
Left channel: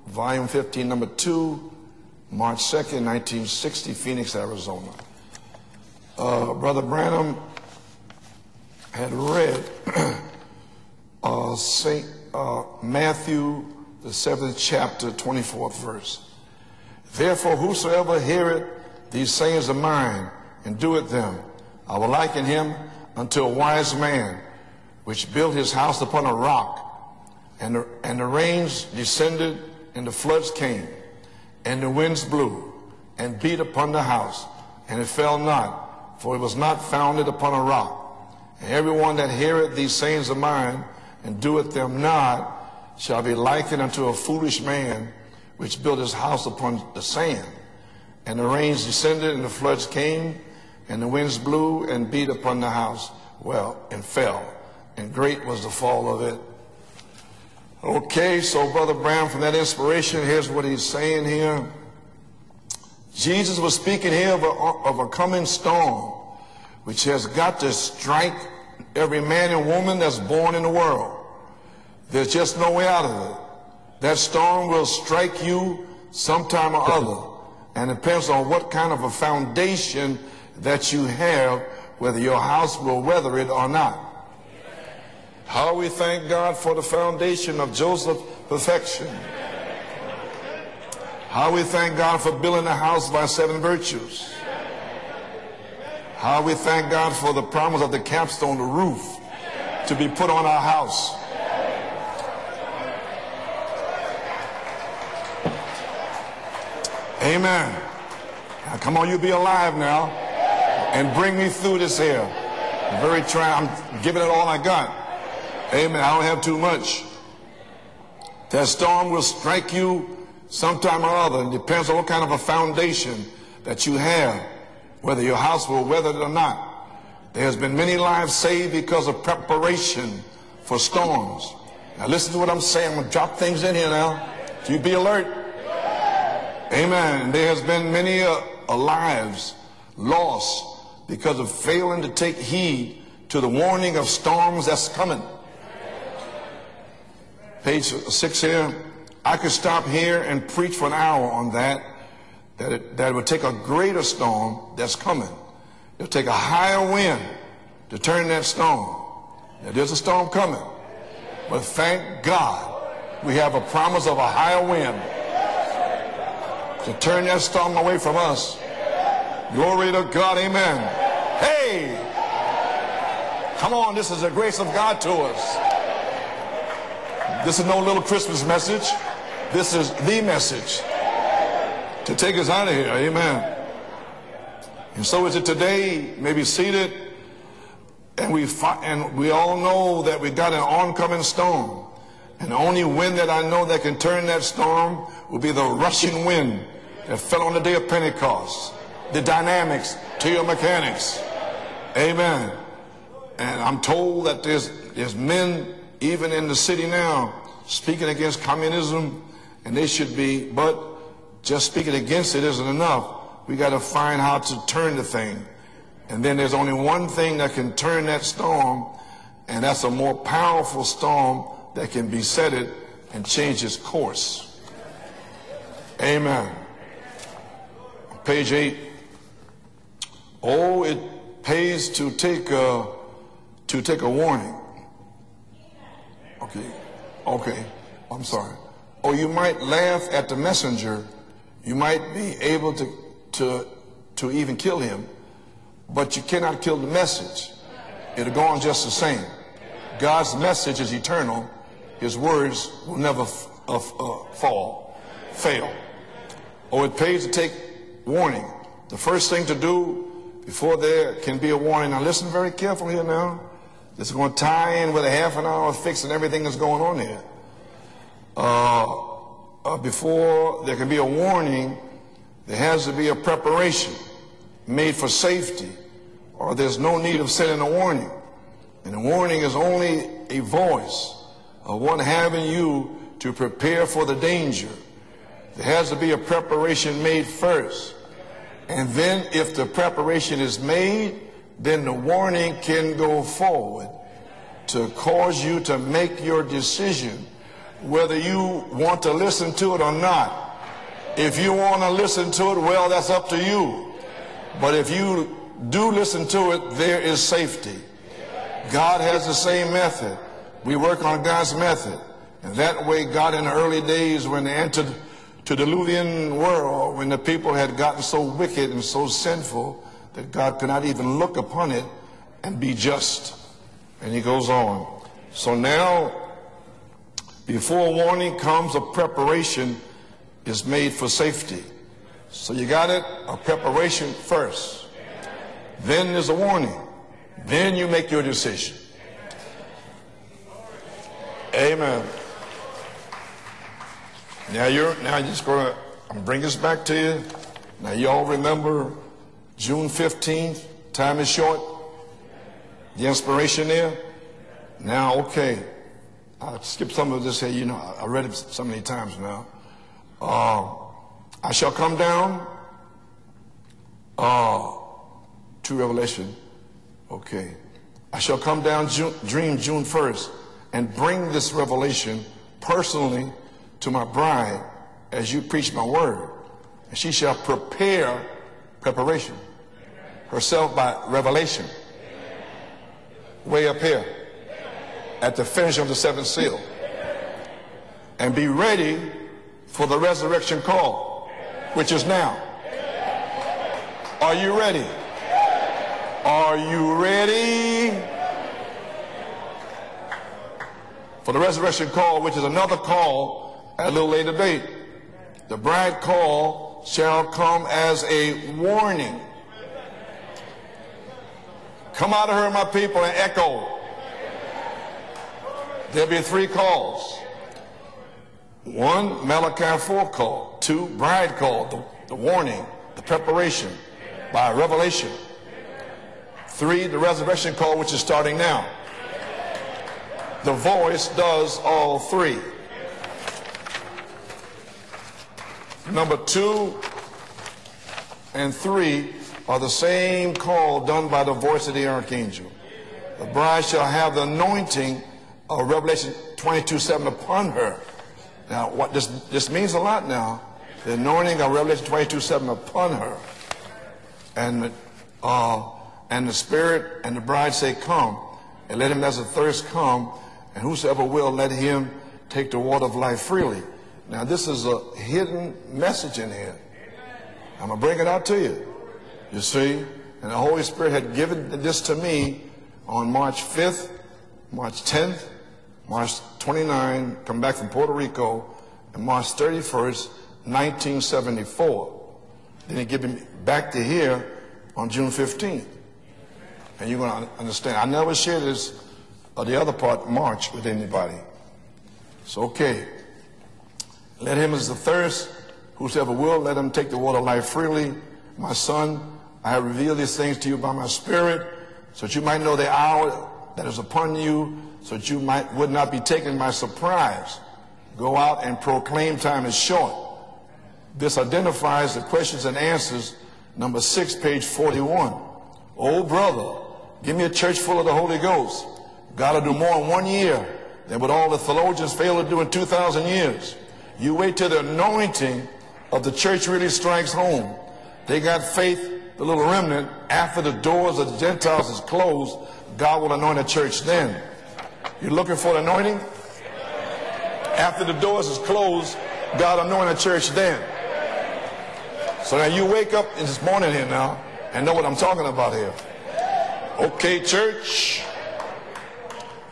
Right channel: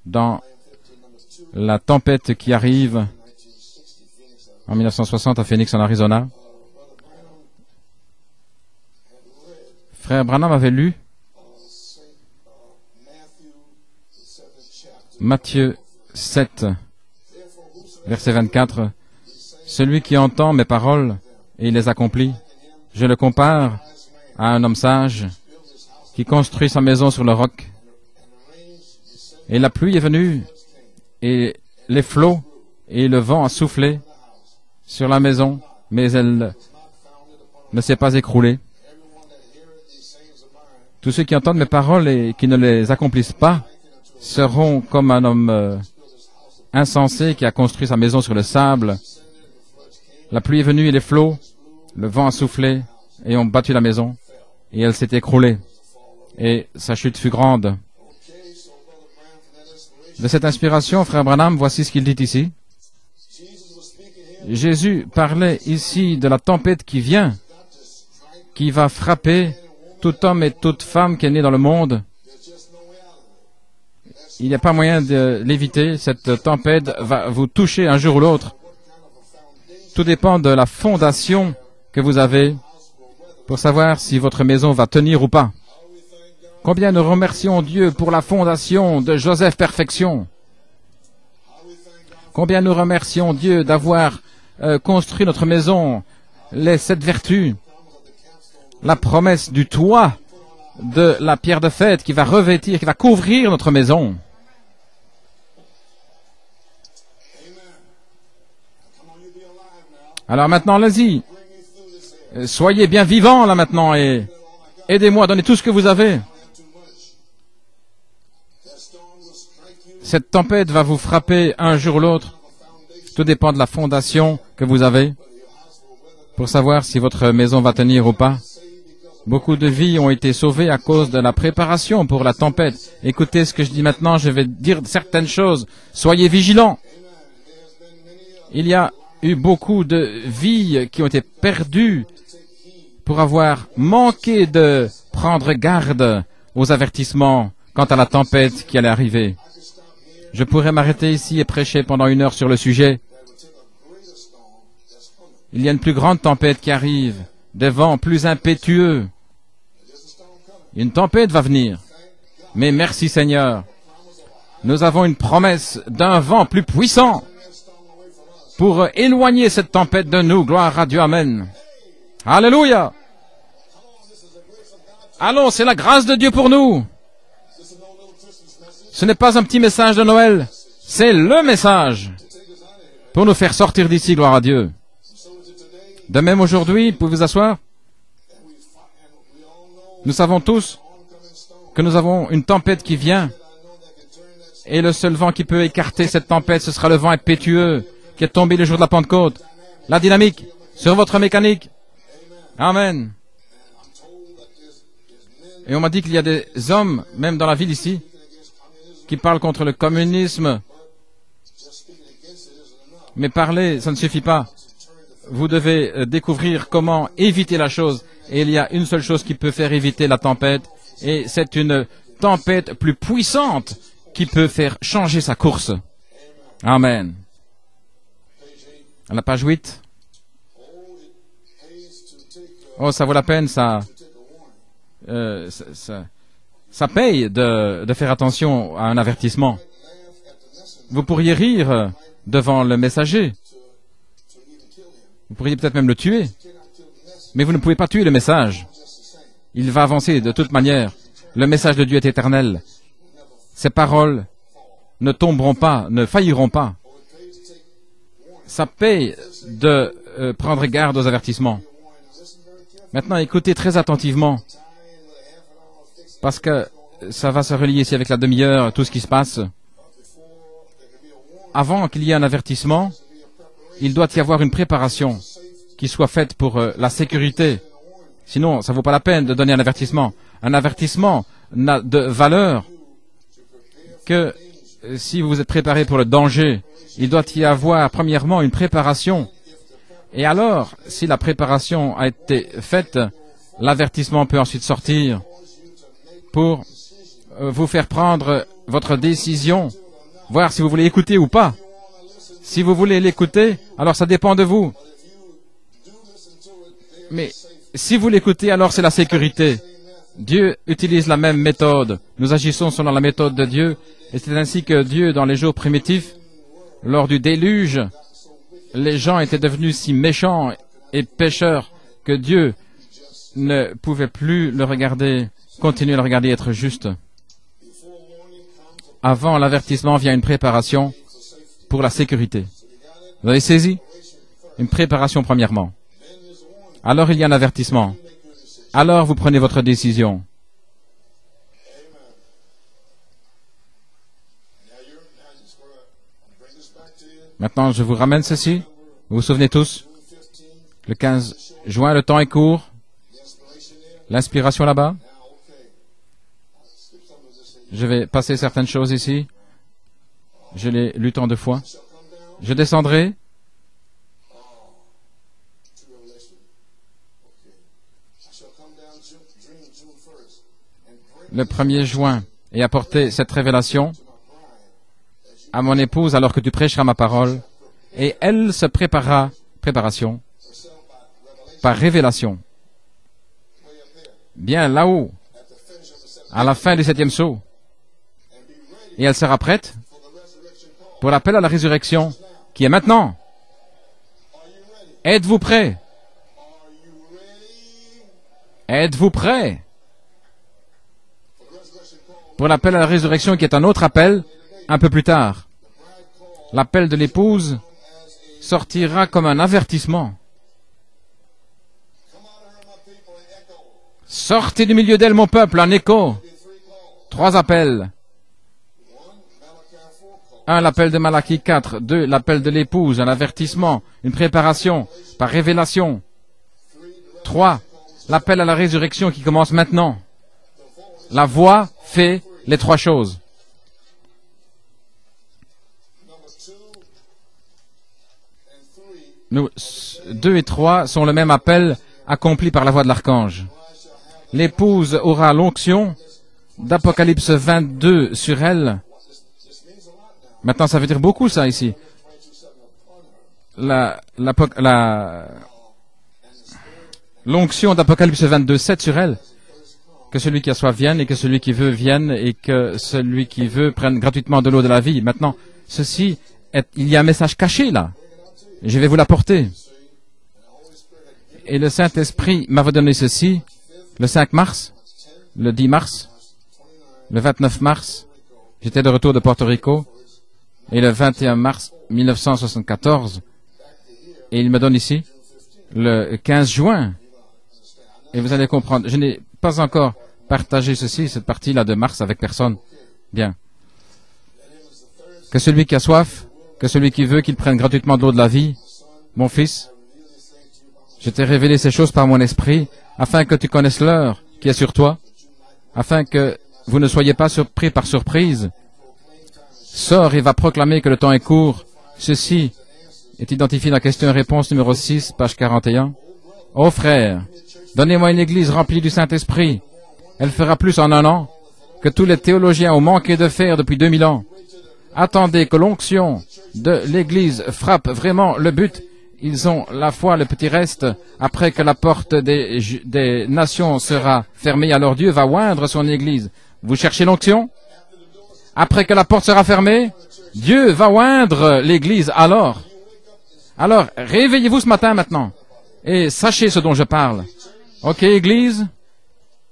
Dans la tempête qui arrive en 1960 à Phoenix, en Arizona, Frère Branham avait lu Matthieu 7, verset 24. Celui qui entend mes paroles et les accomplit, je le compare à un homme sage qui construit sa maison sur le roc. Et la pluie est venue, et les flots et le vent a soufflé sur la maison, mais elle ne s'est pas écroulée. Tous ceux qui entendent mes paroles et qui ne les accomplissent pas seront comme un homme insensé qui a construit sa maison sur le sable. La pluie est venue et les flots, le vent a soufflé et ont battu la maison. Et elle s'est écroulée. Et sa chute fut grande. De cette inspiration, Frère Branham, voici ce qu'il dit ici. Jésus parlait ici de la tempête qui vient, qui va frapper tout homme et toute femme qui est né dans le monde. Il n'y a pas moyen de l'éviter. Cette tempête va vous toucher un jour ou l'autre. Tout dépend de la fondation que vous avez pour savoir si votre maison va tenir ou pas. Combien nous remercions Dieu pour la fondation de Joseph Perfection. Combien nous remercions Dieu d'avoir construit notre maison, les 7 vertus, la promesse du toit, de la pierre de fête qui va revêtir, qui va couvrir notre maison. Alors maintenant, allez-y. Soyez bien vivants là maintenant et aidez-moi, donnez tout ce que vous avez. Cette tempête va vous frapper un jour ou l'autre. Tout dépend de la fondation que vous avez pour savoir si votre maison va tenir ou pas. Beaucoup de vies ont été sauvées à cause de la préparation pour la tempête. Écoutez ce que je dis maintenant, je vais dire certaines choses. Soyez vigilants. Il y a eu beaucoup de vies qui ont été perdues pour avoir manqué de prendre garde aux avertissements quant à la tempête qui allait arriver. Je pourrais m'arrêter ici et prêcher pendant 1 heure sur le sujet. Il y a une plus grande tempête qui arrive, des vents plus impétueux. Une tempête va venir. Mais merci Seigneur, nous avons une promesse d'un vent plus puissant pour éloigner cette tempête de nous. Gloire à Dieu, Amen. Alléluia. Allons, c'est la grâce de Dieu pour nous. Ce n'est pas un petit message de Noël, c'est le message pour nous faire sortir d'ici, gloire à Dieu. De même aujourd'hui, vous pouvez vous asseoir. Nous savons tous que nous avons une tempête qui vient et le seul vent qui peut écarter cette tempête, ce sera le vent impétueux qui est tombé le jour de la Pentecôte. La dynamique sur votre mécanique. Amen. Et on m'a dit qu'il y a des hommes, même dans la ville ici, qui parlent contre le communisme. Mais parler, ça ne suffit pas. Vous devez découvrir comment éviter la chose. Et il y a une seule chose qui peut faire éviter la tempête. Et c'est une tempête plus puissante qui peut faire changer sa course. Amen. À la page 8. Oh, ça vaut la peine, ça paye de faire attention à un avertissement. Vous pourriez rire devant le messager. Vous pourriez peut-être même le tuer. Mais vous ne pouvez pas tuer le message. Il va avancer de toute manière. Le message de Dieu est éternel. Ses paroles ne tomberont pas, ne failliront pas. Ça paye de prendre garde aux avertissements. Maintenant, écoutez très attentivement, parce que ça va se relier ici avec la demi-heure, tout ce qui se passe. Avant qu'il y ait un avertissement, il doit y avoir une préparation qui soit faite pour la sécurité. Sinon, ça ne vaut pas la peine de donner un avertissement. Un avertissement n'a de valeur que si vous êtes préparé pour le danger, il doit y avoir premièrement une préparation. Et alors, si la préparation a été faite, l'avertissement peut ensuite sortir pour vous faire prendre votre décision, voir si vous voulez écouter ou pas. Si vous voulez l'écouter, alors ça dépend de vous. Mais si vous l'écoutez, alors c'est la sécurité. Dieu utilise la même méthode. Nous agissons selon la méthode de Dieu. C'est ainsi que Dieu, dans les jours primitifs, lors du déluge, les gens étaient devenus si méchants et pécheurs que Dieu ne pouvait plus le regarder, continuer à le regarder être juste. Avant l'avertissement vient une préparation pour la sécurité. Vous avez saisi? Une préparation premièrement. Alors il y a un avertissement. Alors vous prenez votre décision. Maintenant je vous ramène ceci. Vous vous souvenez tous? Le 15 juin, le temps est court. L'inspiration là-bas. Je vais passer certaines choses ici. Je l'ai lu tant de fois. Je descendrai. Le 1er juin et apporter cette révélation à mon épouse alors que tu prêcheras ma parole. Et elle se préparera, préparation, par révélation. Bien là-haut, à la fin du 7e saut. Et elle sera prête pour l'appel à la résurrection, qui est maintenant. Are you ready? Êtes-vous prêts? Are you ready? Êtes-vous prêts? For the resurrection call, which is Pour l'appel à la another résurrection call, qui est un autre a little appel, later date. un peu plus tard, The bride call l'appel de shall l'épouse come as a sortira warning. comme un avertissement. Come out of her, my people, and echo. Sortez du milieu d'elle, mon peuple, un écho. There'll be 3 calls. 3 appels. 1, Malachi 4 call. 1, l'appel 2, de Malachie bride call. 4. 2, l'appel de Warning. l'épouse, un avertissement, une préparation par révélation. 3, the resurrection 3, call, which is starting l'appel à la now. résurrection qui commence maintenant. The voice La does voix all fait 3. les 3 choses. Number 2 and 3 Nous, are the same 2 et call 3 done sont le by même the voice appel of the archangel. accompli par la voix de l'archange. Bride shall have the anointing L'épouse aura of l'onction Revelation 22:7 d'Apocalypse upon her. 22 sur Now, elle. what this means a lot now. Maintenant, ça veut dire The beaucoup, ça, anointing of ici. Revelation 22:7 upon her. And the Spirit and the bride L'onction say, d'Apocalypse come. 22, 7 Let sur him elle. as a thirst come. Que celui qui a soif vienne et que celui qui veut vienne et que celui qui veut prenne gratuitement de l'eau de la vie. Maintenant, ceci, il y a un message caché là. Bring it out to you. Et je vais vous l'apporter. See? And the Holy Spirit had given Et le this to me Saint-Esprit m'avait donné on ceci March 5th, le 5 mars, March 10th, le 10 mars. March 29, Le 29 from mars, Puerto Rico, J'étais de retour de March Porto Rico. 31st, Et le 21 mars 1974. 1974, Back to here et il me donne on ici June 15th. le 15 juin. You're going to understand. I never Et vous shared allez this. comprendre. Je n'ai the pas other encore part, March, partagé but ceci, anybody. cette partie-là de mars avec personne. Okay. Bien. Let him as the thirst. Que celui qui a soif, Whosoever will, let him que celui take qui the veut, water qu'il life prenne freely. gratuitement de l'eau de la vie. My son, Mon fils, I reveal these things to you by my je spirit, t'ai révélé ces choses par mon that you might esprit, know the hour afin que tu connaisses l'heure upon you, qui est sur toi, that you would not afin be taken que by vous ne soyez surprise. pas surpris par Go out surprise. and proclaim time is short. Sors et va proclamer que le temps This est court. identifies the Ceci questions and answers. est identifié dans Number question et 6, réponse page numéro 41. 6, page 41. Oh, brother, Ô frère, give me a church full of donnez-moi une the Holy église Ghost. remplie du Saint-Esprit. That'll do more in 1 year Elle fera plus en un than an all the theologians que tous les failed to do in théologiens ont 2000 manqué de years. faire depuis 2000 ans. Wait till the anointing Attendez que l'onction of the church really de strikes l'Église home. frappe vraiment le but. Ils ont la foi, le petit reste, après que la porte des nations sera fermée, alors Dieu va oindre son Église. Vous cherchez l'onction? After the doors is closed, Après que la porte sera God fermée, anoint the church then. Dieu va oindre l'Église alors. So you wake up this morning Alors, now, réveillez-vous and ce know what matin I'm talking maintenant about here. et sachez ce dont je parle. Okay, church. Ok, Église,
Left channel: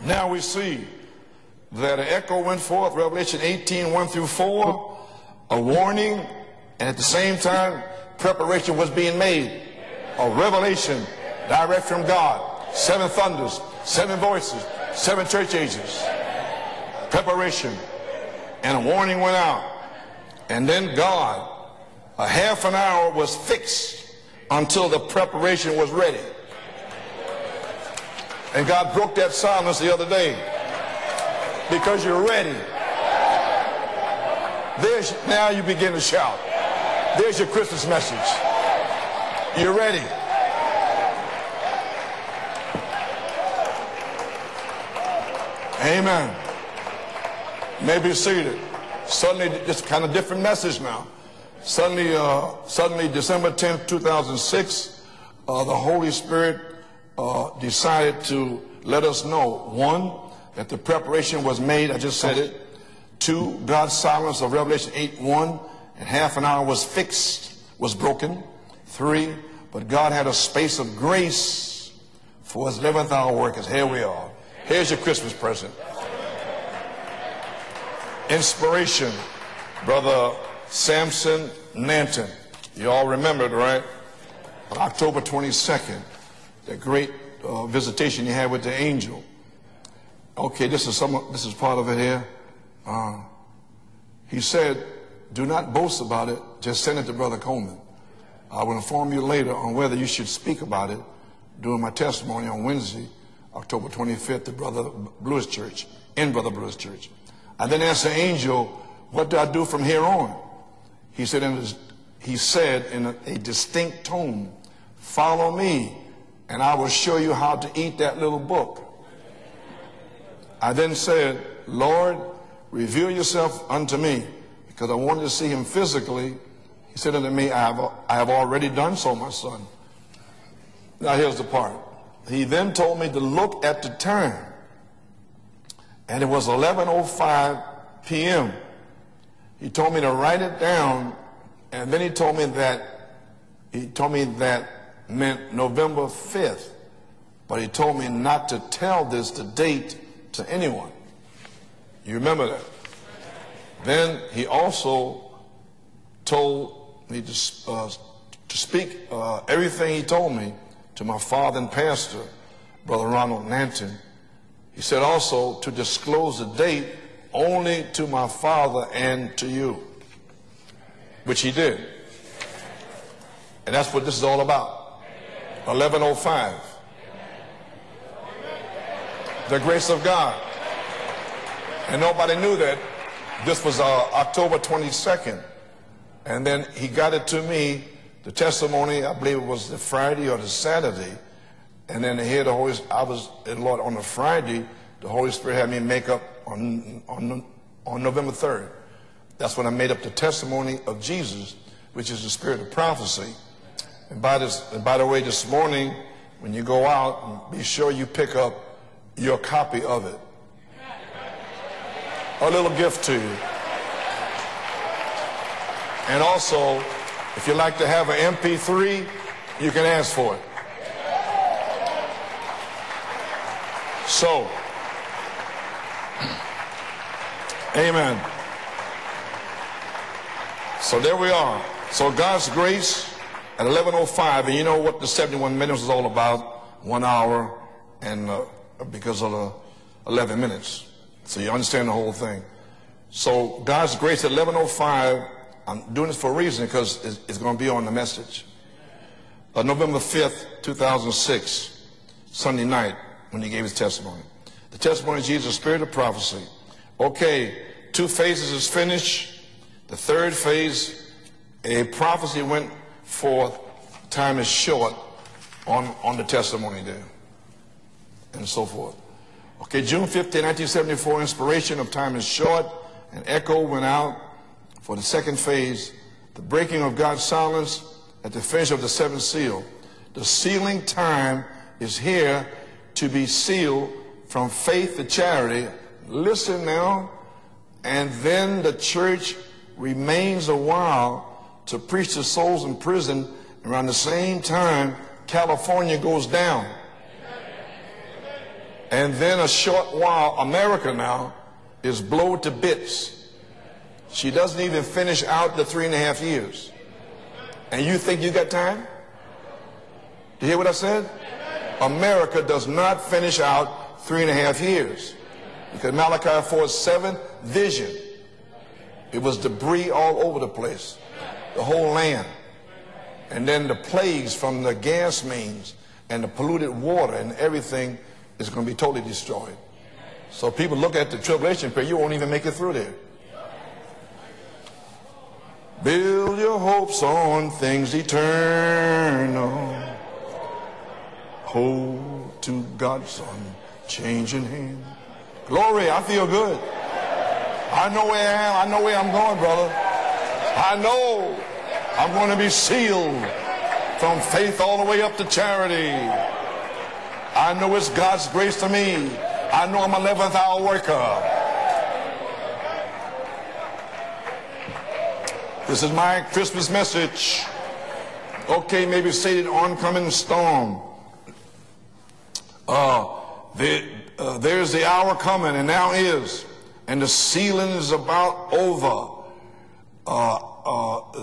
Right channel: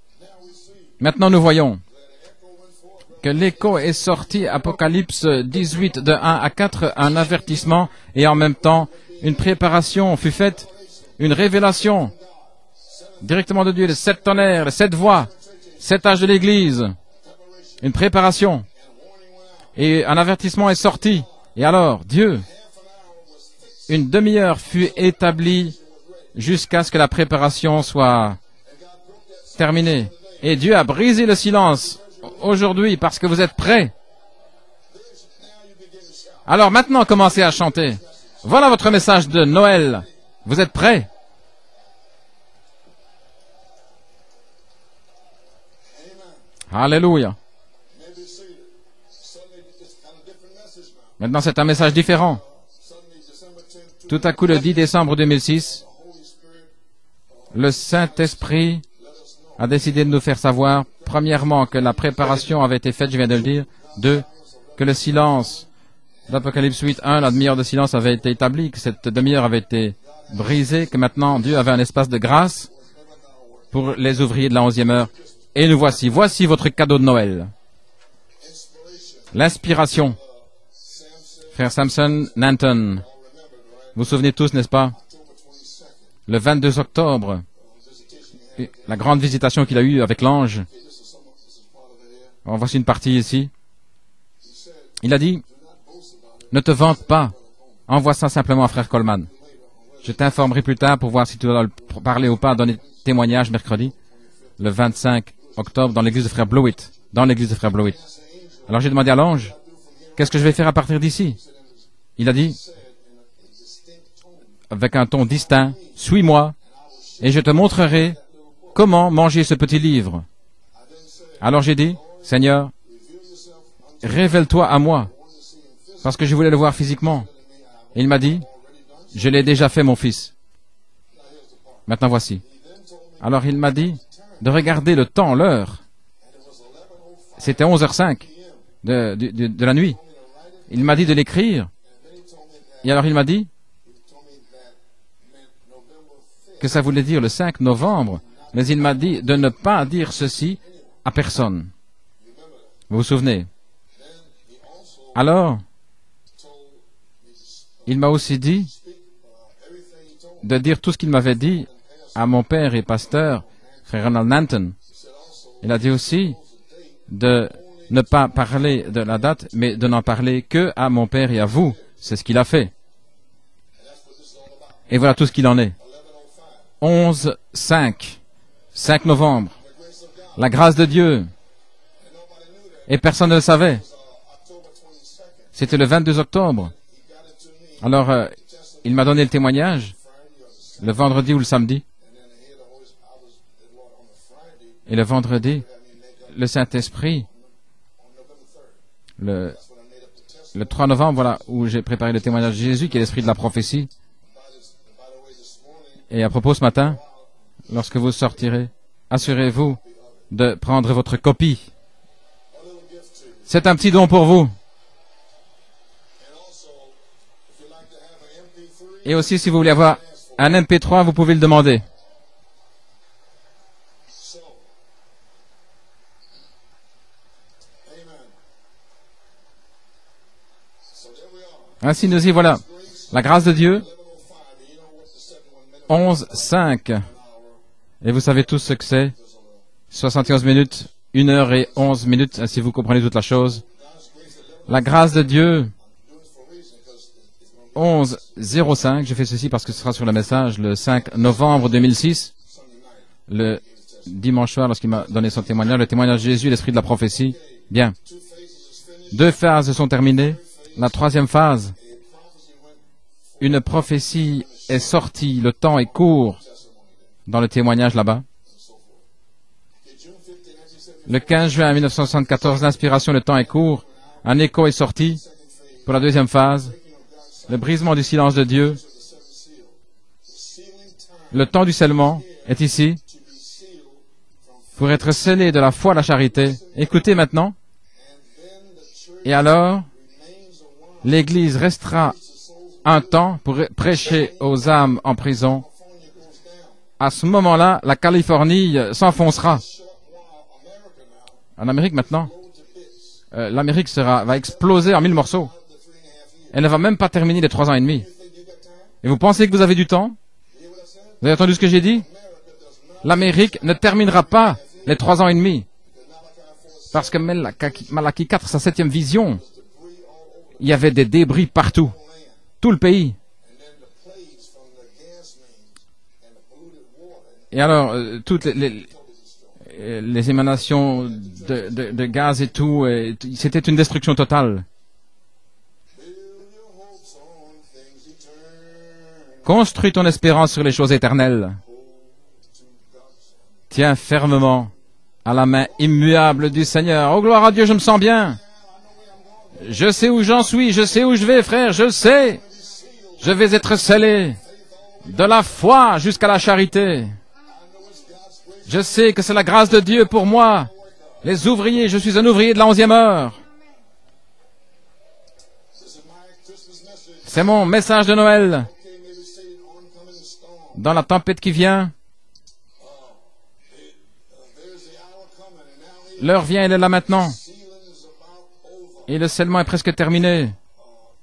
Now we see maintenant nous voyons that an echo went forth, que Revelation l'écho 18, est 1 through sorti, 4. Apocalypse 18 de 1 à 4, And at the un same avertissement, time, et en même temps, preparation was being made une préparation fut of faite, revelation, une révélation direct from God. 7 thunders, directement de Dieu, les 7 7 tonnerres, les voices, 7 voix, 7 church ages. 7 âges de l'Église, Preparation. une préparation, And a warning went out. et un avertissement And est then sorti. God, Et alors, Dieu, half an hour was fixed une demi-heure until fut the établie preparation was ready. jusqu'à ce que la préparation soit And God broke that silence the terminée. other day. Et Dieu a brisé le silence Because you're ready. aujourd'hui parce que vous êtes prêts. Now you begin to shout. Alors maintenant, commencez à Here's your chanter. Christmas message. Voilà votre message de Noël. Vous êtes prêts? Amen. Alléluia. You may be seated. Suddenly, just kind of different message now. Maintenant, c'est un message différent. Suddenly, December 10th, Tout à coup, le 10 2006, décembre 2006, the Holy Spirit, le decided to Saint-Esprit let us know, a décidé de nous faire savoir, that the preparation premièrement, was que made, la I just said it. préparation avait été faite, je viens de le dire. 2, God's Deux, silence of Revelation que le 8:1, silence and half an hour d'Apocalypse was 8.1, la demi-heure de silence was avait broken. été établie, que cette 3, demi-heure avait été God had a space brisée, of que maintenant grace Dieu avait un espace de grâce for his 11th hour workers. Here pour we les are. ouvriers de la There's 11e your heure. Christmas present. Et nous voici. Voici votre cadeau de Noël. Inspiration. L'inspiration. Brother Samson Frère Samson Nanton. You all remembered, right? Vous vous souvenez tous, n'est-ce pas? October 22nd. Le 22 Great octobre, visitation you had with the la angel. grande visitation qu'il a eue avec l'ange. Okay, this is part of it here. En voici une partie ici. He said, Il a dit, do not boast about it. ne te Just send vante it to pas. Brother Coleman. Envoie ça simplement à I'll Frère inform Coleman. you later on whether you Je should t'informerai speak plus about tard it pour voir si tu dois during my parler ou pas, testimony on donner Wednesday, témoignage mercredi, October 25th, le 25 octobre, dans l'église de Frère Blewett, dans l'église de I Frère then Blewett. asked the angel, Alors j'ai demandé à what do l'ange, I do from here on? qu'est-ce que je vais faire à partir He d'ici? said, Il a he dit, said in a distinct tone, avec un ton follow distinct, me, suis-moi, and I will show you et je how te to montrerai eat that little book. comment manger ce petit livre. I then said, Alors j'ai dit, Lord, Seigneur, reveal yourself unto me. révèle-toi à Because I moi, wanted to see him physically. parce que je voulais le voir He physiquement. said unto me, Il m'a I have dit, already done so, je l'ai déjà fait, mon fils. Now here's the part. Maintenant He voici. then told me to Alors il look m'a at dit the time. de regarder le temps, l'heure. And it was 11:05 C'était 11h05 p.m. de la He nuit. told me to write it Il down. m'a dit de l'écrire. And then he told me that Et alors il m'a dit, he told me that meant November 5th. que ça voulait dire le 5 novembre, mais il m'a dit de ne pas dire ceci à personne. You remember that? Vous vous souvenez? Then he also Alors, told me il m'a aussi to dit speak everything he told me de dire tout ce to qu'il my m'avait father dit and pastor, à mon père et pasteur, Ronald Nanton. frère Ronald Nanton. He said also Il to a dit aussi disclose the date de only ne to pas my parler father de la and date, to mais you. de n'en parler que à mon père et à Which he vous. did. C'est ce qu'il a fait. And that's what this is all about. Et voilà tout ce qu'il en est. 11:05. 11-5, 5 novembre, The grace of God. la grâce de Dieu. And nobody knew that. Et personne ne le This savait. was October 22nd. C'était le 22 And octobre. then he got it to me. Alors, the testimony, il m'a donné I le believe it was témoignage, Friday or the le Saturday. vendredi ou le samedi. And then here the Holy, I was in Lord on the Friday. Et le the Holy vendredi, Spirit had me make up le Saint-Esprit, on November 3rd. le That's when I made up the testimony 3 of novembre, voilà, Jesus, où j'ai préparé le which is the témoignage de spirit of Jésus, qui est l'esprit de la prophecy. prophétie. And by the way, this morning, Et à propos, ce you go matin, out, be sure lorsque you vous pick up sortirez, your assurez-vous copy of it. de prendre votre copie. A little gift to you. C'est un petit don pour vous. And also, if you like to have an MP3, Et aussi, si vous voulez you can avoir ask for it. un MP3, vous pouvez le demander. So, amen. So there we are. Ainsi So nous y God's voilà. grace, La grâce de Dieu, 11:05, and you know what the 71 minutes is all about. 11-5. 1 hour. Et vous savez tous ce que c'est. Because of the 71 11 minutes, 1 heure et So you understand the 11 whole minutes, thing. ainsi vous comprenez toute la So chose. God's grace at 11:05. La grâce de Dieu, I'm doing this for a reason because it's going to be on the message. 11-05, je fais ceci parce que ce sera sur le message le 5 novembre 2006, Sunday night when he le gave his testimony. dimanche soir, lorsqu'il a donné son témoignage, le témoignage de Jésus, l'esprit de la prophétie. Okay, Bien. 2 phases is finished. Deux phases sont terminées. Third phase, La troisième phase, a prophecy went for une prophétie time is est short sortie, le temps est on court the testimony there dans le témoignage là-bas. and so forth. Okay, June 15, 1974, Le 15 juin inspiration, 1974, l'inspiration, le temps est Echo court. went out Un écho est for the sorti second phase, pour la deuxième phase, breaking of God's silence, le brisement du silence de the Dieu. finish of the seventh seal. The sealing time Le temps du scellement is here est ici to be sealed from faith pour to être scellé de la foi à la charité. Listen now. Écoutez maintenant, And then the church et alors, remains a while l'Église to restera preach to souls in un prison. temps pour Around the prêcher same aux time, âmes en prison. California goes down. À ce moment-là, la Californie And then a s'enfoncera. short while, America now En Amérique is maintenant, blown to bits. l'Amérique She va doesn't even exploser en mille finish morceaux. out the 3.5 years. Elle ne va même pas terminer les 3 ans et And you demi. think you got time? Et vous pensez que vous avez du temps? Do you hear what I said? Vous avez entendu ce que j'ai dit? America does not finish L'Amérique out ne terminera pas 3.5 years. les 3 ans et demi. Because Malachi 4:7 Parce que vision Malachie 4, sa 7e vision, was debris all over the place. il y avait des débris partout. Whole land. Tout le pays. And then the plagues from the gas mains and the polluted water and everything Et alors, toutes is going to be les, totally destroyed. les émanations de gaz et tout, c'était une destruction totale. Build your hopes on things eternal. Construis ton espérance sur les choses éternelles. Hold to God's Tiens fermement à la main immuable du Seigneur. Oh, gloire à Dieu, je me sens bien. I know where I'm going, brother. Je sais où j'en suis, je sais où je vais, frère, je I'm sais. going to be sealed Je vais être scellé from faith all the way up de to la foi charity. jusqu'à la charité. I know it's God's grace to Je me. sais que c'est la grâce de I'm Dieu a pour 11th moi. hour worker. Les ouvriers, je suis un ouvrier de la 11e heure. This is my Christmas message. C'est mon message de Noël. Okay, maybe say the oncoming storm. Dans la tempête qui vient, There's the hour coming, and now is. l'heure vient, elle est là And the maintenant. sealing is about over. Et le scellement est presque terminé.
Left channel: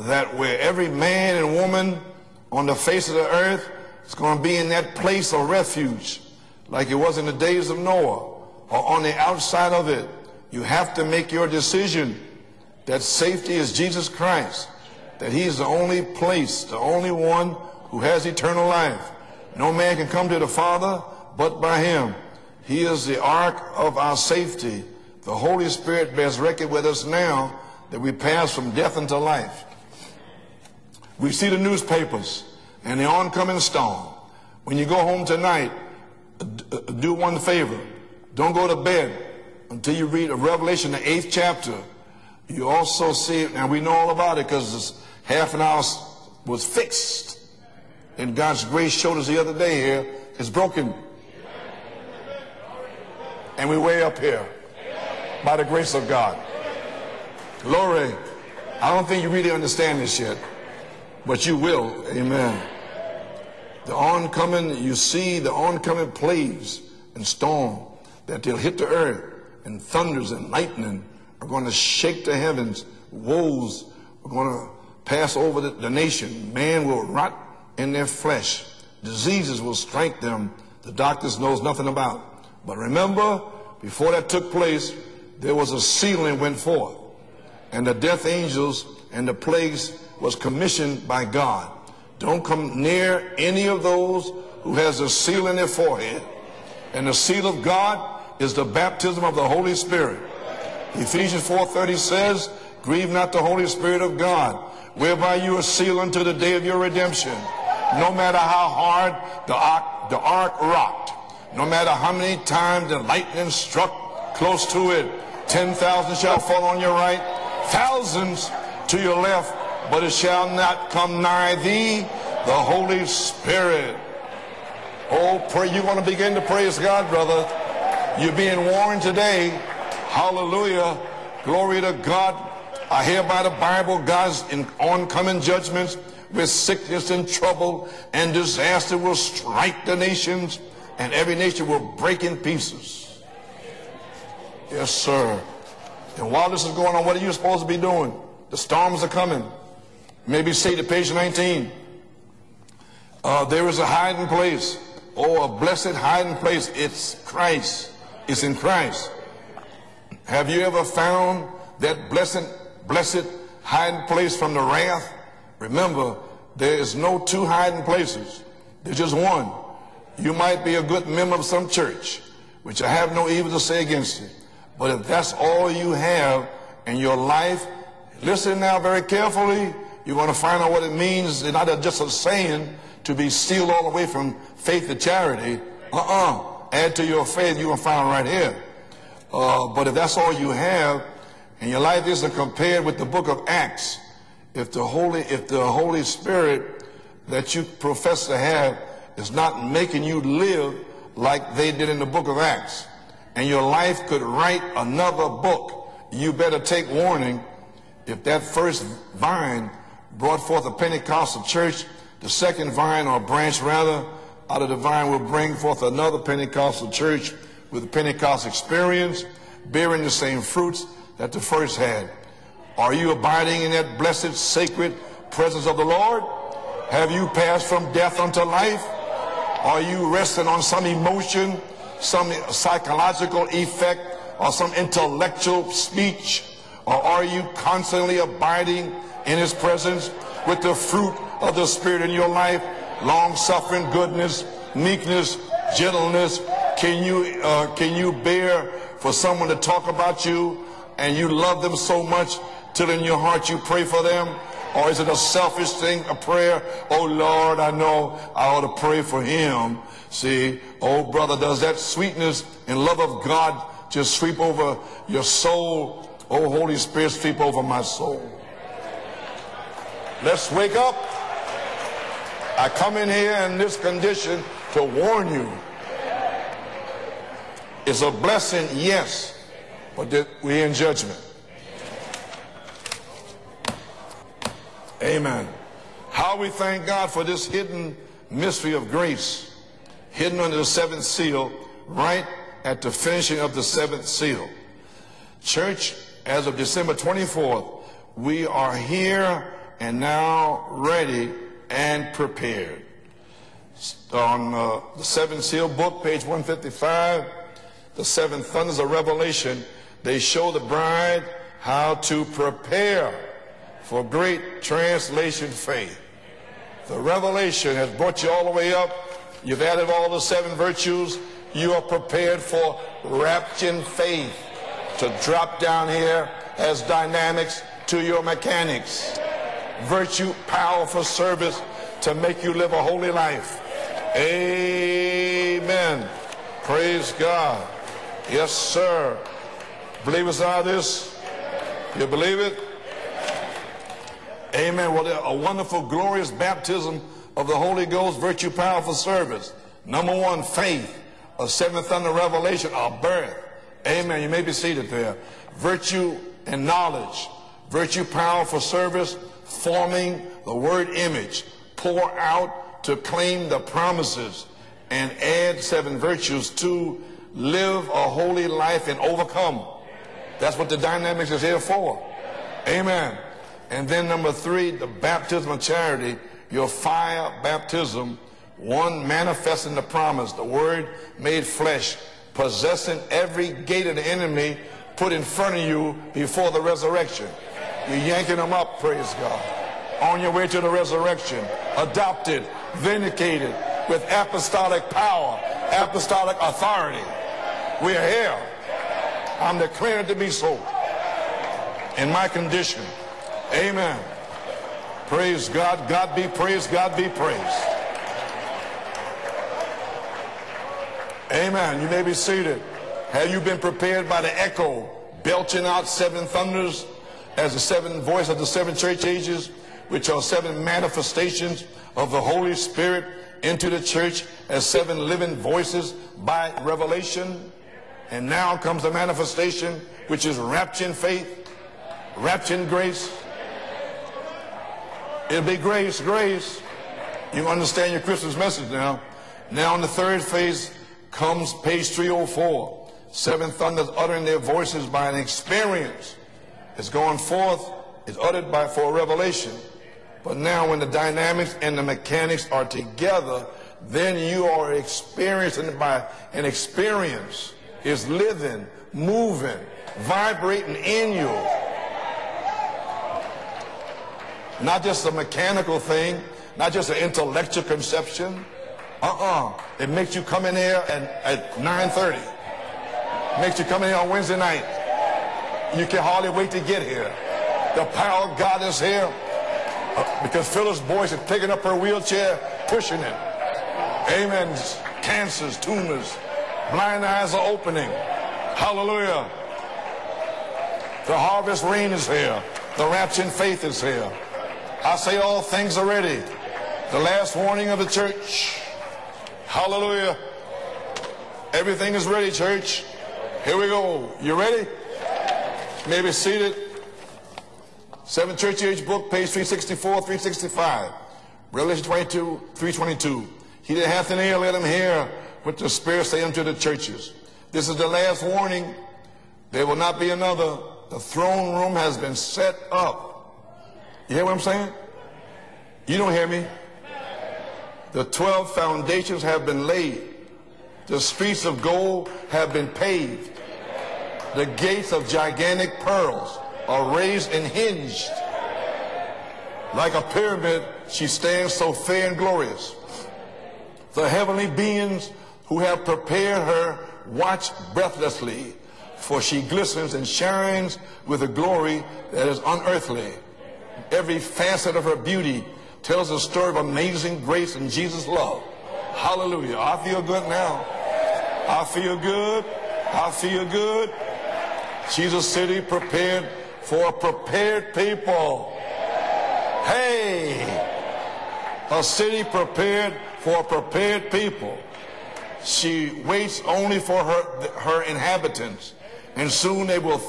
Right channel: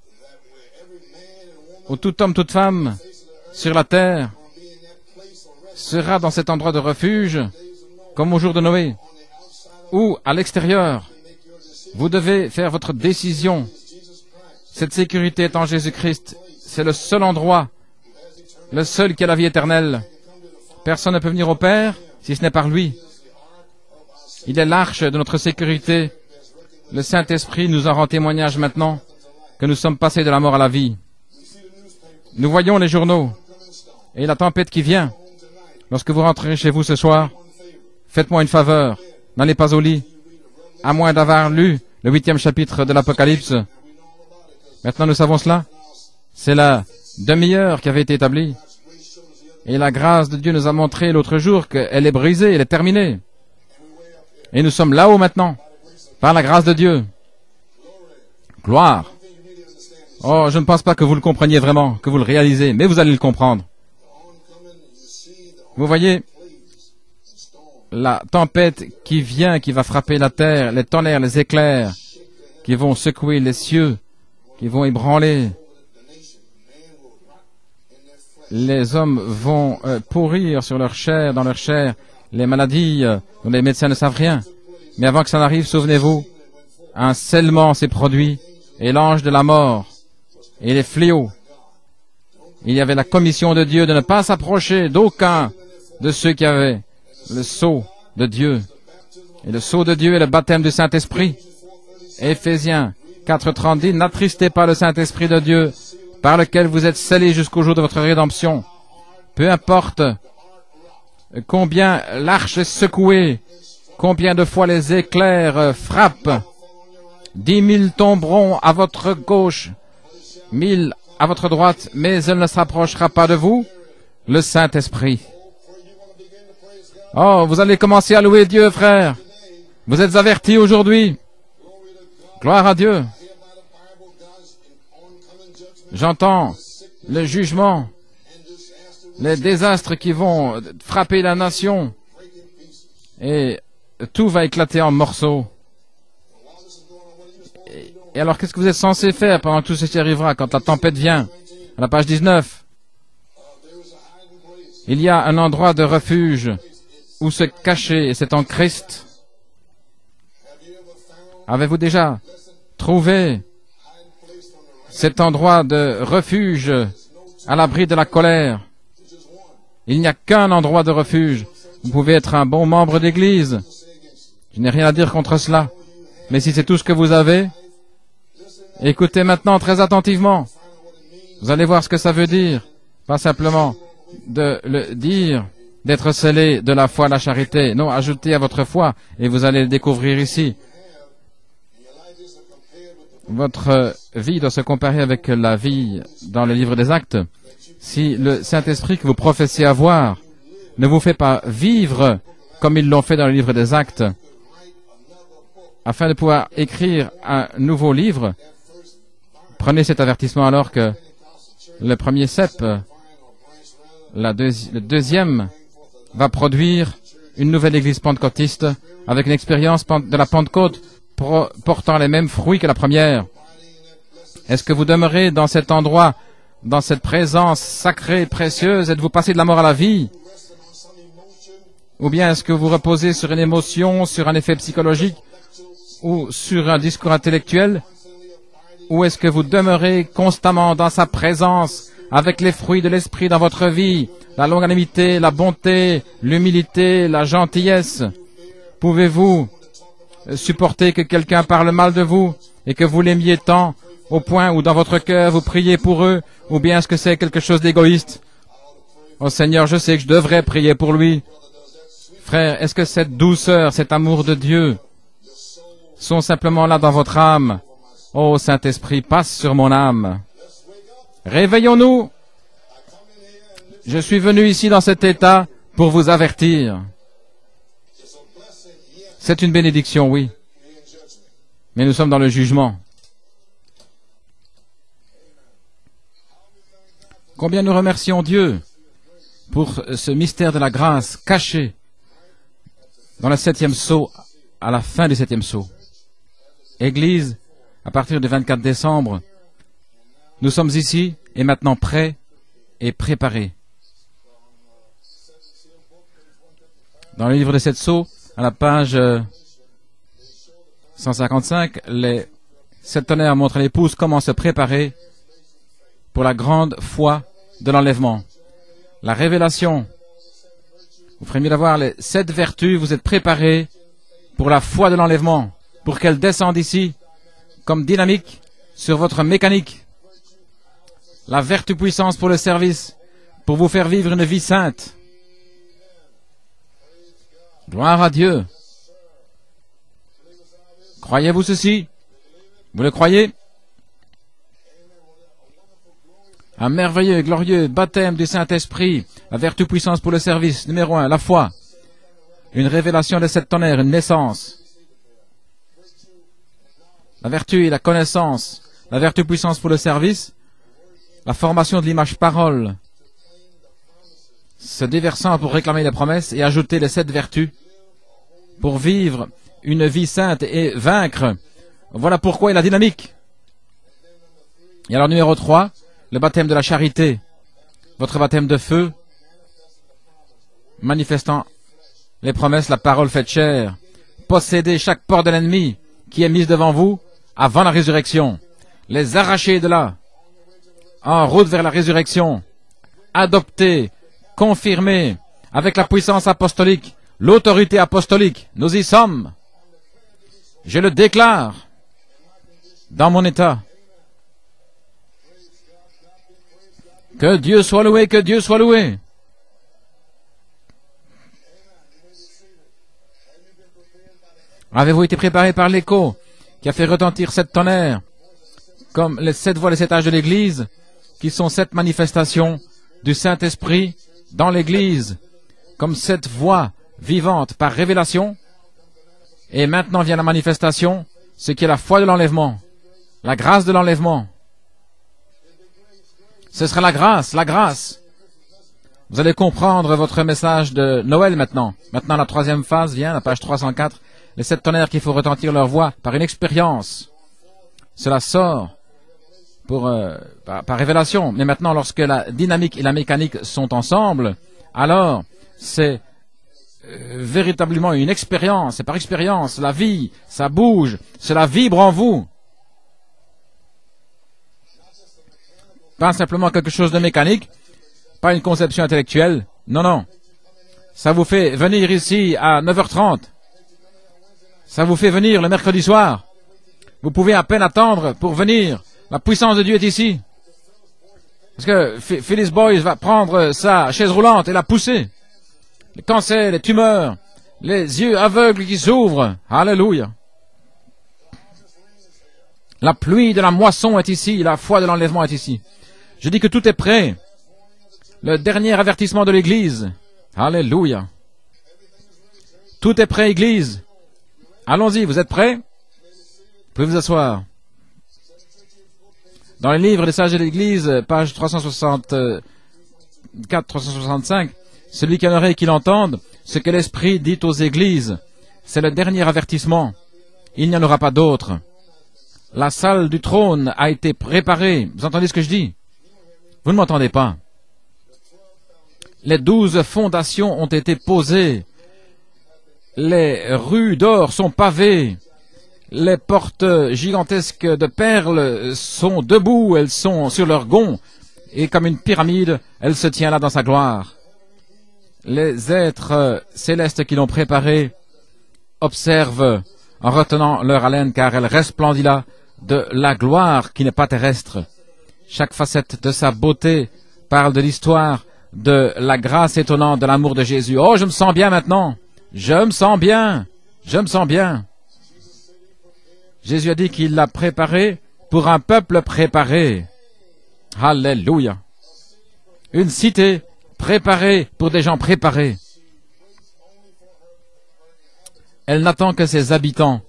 That where every man and woman Où tout homme, toute on femme the face of the earth sur la terre is going to be in that place of refuge, sera dans cet endroit de like it was in refuge, the days of Noah, comme au jour de Noé, or on the outside of it. ou à You l'extérieur. have to make your decision. Vous devez faire votre That safety décision. is Jesus Christ. Cette That sécurité he est en is the only Jésus-Christ. place, the C'est le only seul one endroit, who has eternal le life. seul qui a la vie No man éternelle. can come to the Father Personne ne peut venir but au by Père him. si ce n'est par He lui. is the ark of our safety. Il est l'arche de notre The Holy sécurité. Spirit bears record with us Le Saint-Esprit now nous en rend that we témoignage pass from maintenant death into life. que nous sommes passés de la mort à la vie. We see the newspapers. Nous voyons les and the journaux oncoming storm. et la tempête When qui you go vient. home tonight, Lorsque vous rentrez chez vous ce do soir, one favor. faites-moi une Don't go to faveur. bed N'allez pas au till lit, you read Revelation, à moins the d'avoir 8th lu chapter. le 8e You chapitre de also l'Apocalypse. see, and we know all about it 'cause it's Maintenant, nous savons half cela. an hour C'est la fixed. demi-heure qui avait été établie. God's grace showed us the other day Et la here, grâce de it's Dieu nous a broken. montré l'autre jour qu'elle est brisée, elle est terminée. And we're way up here Et nous sommes là-haut maintenant, by the grace of God. par la grâce de Dieu. Glory. Gloire. Oh, je ne pense pas que vous le compreniez vraiment, que vous le réalisez, mais vous allez le comprendre. Vous voyez la tempête qui vient, qui va frapper la terre, les tonnerres, les éclairs, qui vont secouer les cieux, qui vont ébranler. Les hommes vont pourrir sur leur chair, dans leur chair. Les maladies, les médecins ne savent rien. Mais avant que ça n'arrive, souvenez-vous, un scellement s'est produit et l'ange de la mort et les fléaux. Il y avait la commission de Dieu de ne pas s'approcher d'aucun de ceux qui avaient le sceau de Dieu. Le sceau de Dieu est le baptême du Saint-Esprit. Éphésiens 4:30 dit, n'attristez pas le Saint-Esprit de Dieu, par lequel vous êtes scellés jusqu'au jour de votre rédemption. Peu importe combien l'arche est secouée, combien de fois les éclairs frappent, 10 000 tomberont à votre gauche, 1000 à votre droite, mais elle ne s'approchera pas de vous, le Saint-Esprit. Oh, vous allez commencer à louer Dieu, frère. Vous êtes avertis aujourd'hui. Gloire à Dieu. J'entends le jugement, les désastres qui vont frapper la nation et tout va éclater en morceaux. Et alors, qu'est-ce que vous êtes censé faire pendant que tout ceci arrivera, quand la tempête vient? À la page 19. Il y a un endroit de refuge où se cacher, et c'est en Christ. Avez-vous déjà trouvé cet endroit de refuge à l'abri de la colère? Il n'y a qu'un endroit de refuge. Vous pouvez être un bon membre d'église. Je n'ai rien à dire contre cela. Mais si c'est tout ce que vous avez, écoutez maintenant très attentivement. Vous allez voir ce que ça veut dire. Pas simplement de le dire, d'être scellé de la foi à la charité. Non, ajoutez à votre foi, et vous allez le découvrir ici. Votre vie doit se comparer avec la vie dans le livre des Actes. Si le Saint-Esprit que vous professez avoir ne vous fait pas vivre comme ils l'ont fait dans le livre des Actes, afin de pouvoir écrire un nouveau livre, prenez cet avertissement alors que le premier cep, le deuxième, va produire une nouvelle église pentecôtiste avec une expérience de la Pentecôte portant les mêmes fruits que la première. Est-ce que vous demeurez dans cet endroit, dans cette présence sacrée, précieuse? Êtes-vous passé de la mort à la vie? Ou bien est-ce que vous reposez sur une émotion, sur un effet psychologique, ou sur un discours intellectuel? Ou est-ce que vous demeurez constamment dans sa présence, avec les fruits de l'esprit dans votre vie, la longanimité, la bonté, l'humilité, la gentillesse? Pouvez-vous supporter que quelqu'un parle mal de vous et que vous l'aimiez tant au point où dans votre cœur vous priez pour eux? Ou bien est-ce que c'est quelque chose d'égoïste? Oh Seigneur, je sais que je devrais prier pour lui. Frère, est-ce que cette douceur, cet amour de Dieu sont simplement là dans votre âme? Oh Saint-Esprit, passe sur mon âme. Réveillons-nous. Je suis venu ici dans cet état pour vous avertir. C'est une bénédiction, oui. Mais nous sommes dans le jugement. Combien nous remercions Dieu pour ce mystère de la grâce caché dans le 7e sceau, à la fin du 7e sceau. Église, à partir du 24 décembre, nous sommes ici et maintenant prêts et préparés. Dans le livre des 7 sceaux, à la page 155, les 7 tonnerres montrent à l'épouse comment se préparer pour la grande foi de l'enlèvement. La révélation, vous premier d'avoir les 7 vertus, vous êtes préparés pour la foi de l'enlèvement, pour qu'elle descende ici comme dynamique sur votre mécanique. La vertu puissance pour le service, pour vous faire vivre une vie sainte. Gloire à Dieu. Croyez-vous ceci? Vous le croyez? Un merveilleux et glorieux baptême du Saint-Esprit, la vertu puissance pour le service, numéro 1, la foi, une révélation de 7 tonnerres, une naissance, la vertu et la connaissance, la vertu puissance pour le service, la formation de l'image parole, se déversant pour réclamer les promesses et ajouter les 7 vertus pour vivre une vie sainte et vaincre. Voilà pourquoi il a dynamique. Et alors numéro 3, le baptême de la charité, votre baptême de feu, manifestant les promesses, la parole faite chair, posséder chaque porte de l'ennemi qui est mise devant vous avant la résurrection, les arracher de là, en route vers la résurrection, adopter, confirmer avec la puissance apostolique, l'autorité apostolique. Nous y sommes. Je le déclare dans mon état. Que Dieu soit loué, que Dieu soit loué. Avez-vous été préparé par l'écho qui a fait retentir 7 tonnerres, comme les 7 voix des 7 âges de l'Église, qui sont 7 manifestations du Saint-Esprit dans l'Église, comme 7 voix vivantes par révélation. Et maintenant vient la manifestation, ce qui est la foi de l'enlèvement, la grâce de l'enlèvement. Ce sera la grâce, la grâce. Vous allez comprendre votre message de Noël maintenant. Maintenant, la 3e phase vient, la page 304. Les 7 tonnerres qu'il faut retentir leur voix par une expérience. Cela sort par révélation. Mais maintenant, lorsque la dynamique et la mécanique sont ensemble, alors c'est véritablement une expérience. C'est par expérience. La vie, ça bouge. Cela vibre en vous. Pas simplement quelque chose de mécanique, pas une conception intellectuelle. Non, non. Ça vous fait venir ici à 9h30. Ça vous fait venir le mercredi soir. Vous pouvez à peine attendre pour venir. La puissance de Dieu est ici. Parce que Phyllis Boyce va prendre sa chaise roulante et la pousser. Cancer, les tumeurs, les yeux aveugles qui s'ouvrent. Alléluia. La pluie de la moisson est ici, la foi de l'enlèvement est ici. Je dis que tout est prêt. Le dernier avertissement de l'Église. Alléluia. Tout est prêt, Église. Allons-y, vous êtes prêts? Vous pouvez vous asseoir. Dans les livres des sages de l'Église, page 364, 365, celui qui a une oreille qu'il entende, ce que l'Esprit dit aux Églises, c'est le dernier avertissement. Il n'y en aura pas d'autre. La salle du trône a été préparée. Vous entendez ce que je dis? Vous ne m'entendez pas. Les 12 fondations ont été posées. Les rues d'or sont pavées. Les portes gigantesques de perles sont debout. Elles sont sur leurs gonds. Et comme une pyramide, elle se tient là dans sa gloire. Les êtres célestes qui l'ont préparée observent en retenant leur haleine, car elle resplendit là de la gloire qui n'est pas terrestre. Chaque facette de sa beauté parle de l'histoire de la grâce étonnante de l'amour de Jésus. Oh, je me sens bien maintenant. Je me sens bien. Je me sens bien. Jésus a dit qu'il l'a préparé pour un peuple préparé. Alléluia. Une cité préparée pour des gens préparés. Elle n'attend que ses habitants.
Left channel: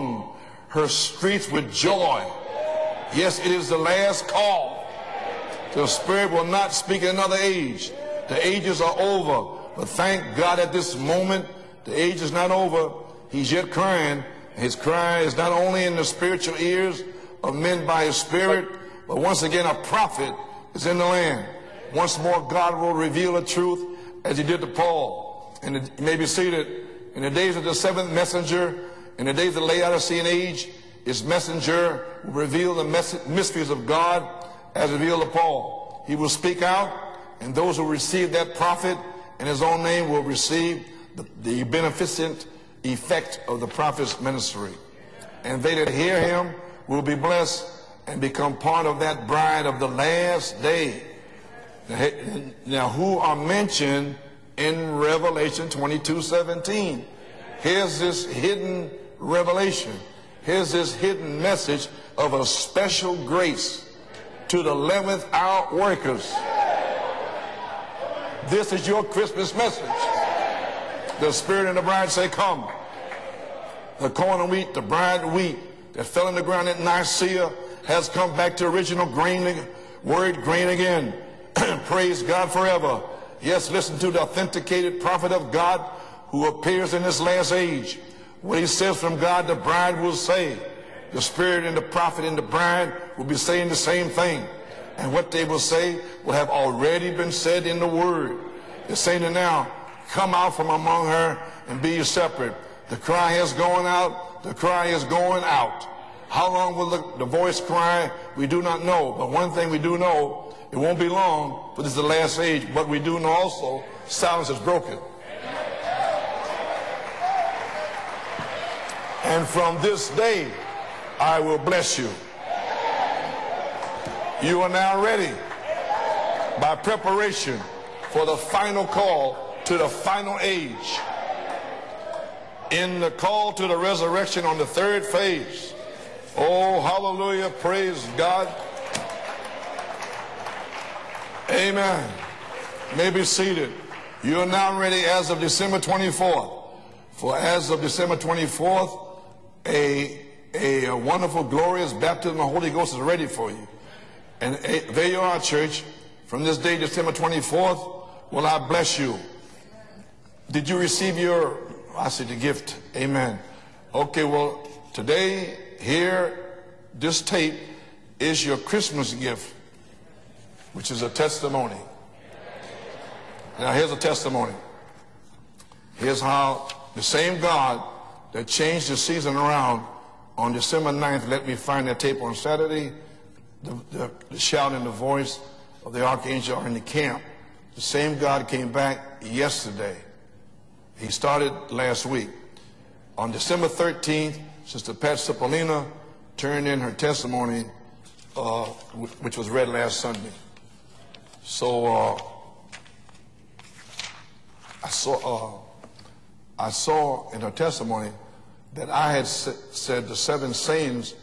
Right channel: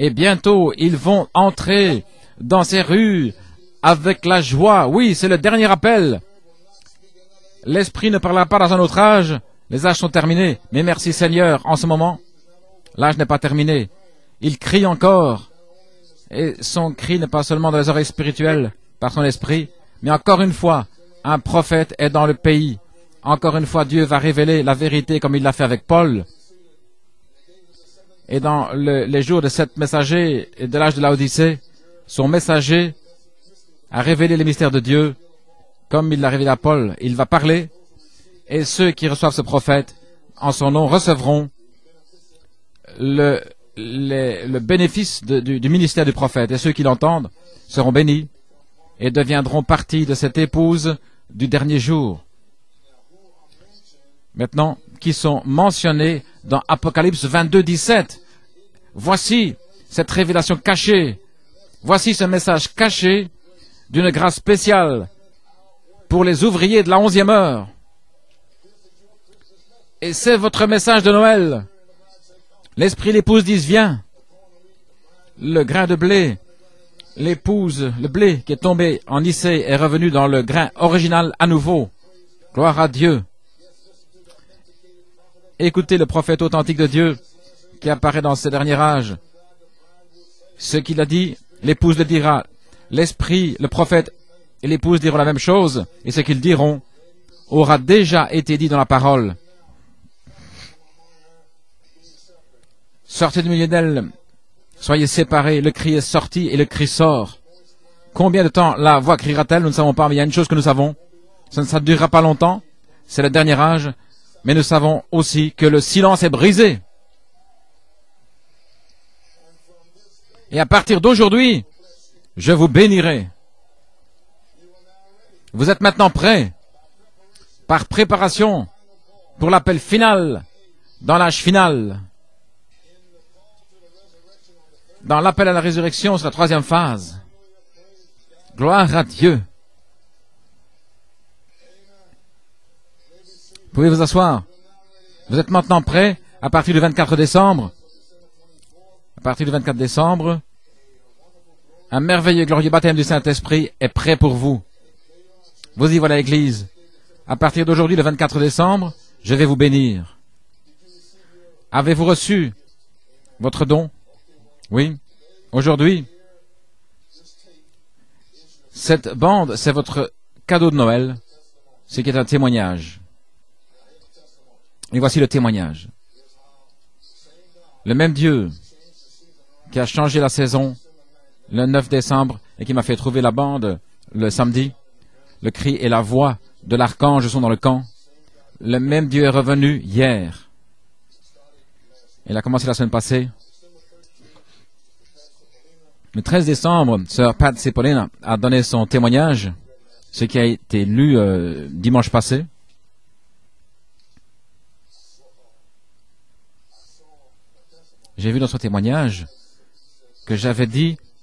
Et bientôt, ils vont entrer dans ces rues avec la joie. Oui, c'est le dernier appel. L'Esprit ne parlera pas dans un autre âge. Les âges sont terminés. Mais merci Seigneur, en ce moment, l'âge n'est pas terminé. Il crie encore. Et son cri n'est pas seulement dans les oreilles spirituelles, par son esprit, mais encore une fois, un prophète est dans le pays. Encore une fois, Dieu va révéler la vérité comme il l'a fait avec Paul. Et dans les jours de sept messagers et de l'âge de l'Odyssée, son messager a révélé les mystères de Dieu comme il l'a révélé à Paul. Il va parler et ceux qui reçoivent ce prophète en son nom recevront le bénéfice du ministère du prophète. Et ceux qui l'entendent seront bénis et deviendront partie de cette épouse du dernier jour. Maintenant, qui sont mentionnés dans Apocalypse 22, 17. Voici cette révélation cachée. Voici ce message caché d'une grâce spéciale pour les ouvriers de la 11e heure. This is your Christmas message. Et c'est votre message de The Noël. Spirit and the bride say, come. L'esprit et l'épouse disent viens. The corn and wheat, the bride wheat, Le grain de that fell blé, on the ground at Nicaea l'épouse, has le come blé back qui est to tombé original en grain, Nicée est revenu dans le grain grain again. original à nouveau. Praise God Gloire à forever. Dieu. Yes, listen to the authenticated prophet of God Écoutez le prophète who authentique de appears in Dieu this last age. qui apparaît dans ce When he dernier says âge. from God, the bride will say, Ce qu'il a the dit, Spirit and the l'épouse le prophet dira, and the bride l'esprit, will be saying le the prophète same thing. et l'épouse diront la And même what they will chose. say Et ce qu'ils will have diront already been said aura in the déjà word. été dit dans la They say parole. now, come out from among her and be ye separate. The cry Sortez is du milieu going d'elle, out. The cry soyez is going séparés. out. Le cri est sorti How et le long cri will the sort. voice cry? Combien de We do temps not la know. voix But criera-t-elle? one Nous ne thing savons we pas, do mais il y a une know, chose que nous savons. it won't be long. Ça ne This is durera the pas last longtemps. age, but we do C'est le know dernier also âge. silence Mais nous is broken. savons aussi que le silence est brisé. And from this day, Et à partir I d'aujourd'hui, will bless you. je vous bénirai. You are now ready Vous êtes maintenant prêts by preparation par préparation for the final call pour l'appel to the final final age. dans l'âge final. In the call to the resurrection on the third Dans phase. l'appel à la résurrection, c'est la troisième Oh, phase. hallelujah, praise God. Gloire à Dieu. Amen. You may be seated. Vous pouvez vous asseoir. You are now ready as of Vous êtes maintenant December prêts 24th. à partir du 24 For décembre. as of December 24th, À partir du 24 décembre, a wonderful, glorious un merveilleux et glorieux baptême du baptism of the Holy Ghost is ready Saint-Esprit est prêt pour vous. for you. There you are, church. Vous y voilà, From this l'Église. day, December À partir 24th, d'aujourd'hui, le 24 will I décembre, bless you. je vais vous bénir. Did you receive your Avez-vous reçu gift? Amen. votre don? Okay, well, Oui. today, Aujourd'hui, here, this tape is your Christmas cette gift. bande, c'est votre cadeau de This is a Noël, testimony. ce qui est un témoignage. Now, here's a testimony. Et voici le témoignage. Here's how the same God Le même Dieu changed the season around qui a changé la on saison December 9th, let me le find 9 that décembre tape on et qui m'a fait Saturday. trouver la bande le The samedi. shout and the voice, Le cri et la the voix archangel are in de the l'archange camp. sont dans le camp. Same God came Le back même Dieu est revenu yesterday. hier. He started last week. Il a commencé la semaine passée. On December 13th, Sister Pat Cipollina Le 13 turned in décembre, her Sœur Pat testimony, Cipollina a donné son which témoignage, was read last Sunday. ce qui a été lu dimanche passé. I saw in her testimony J'ai vu dans son that I témoignage had said the seven j'avais dit sayings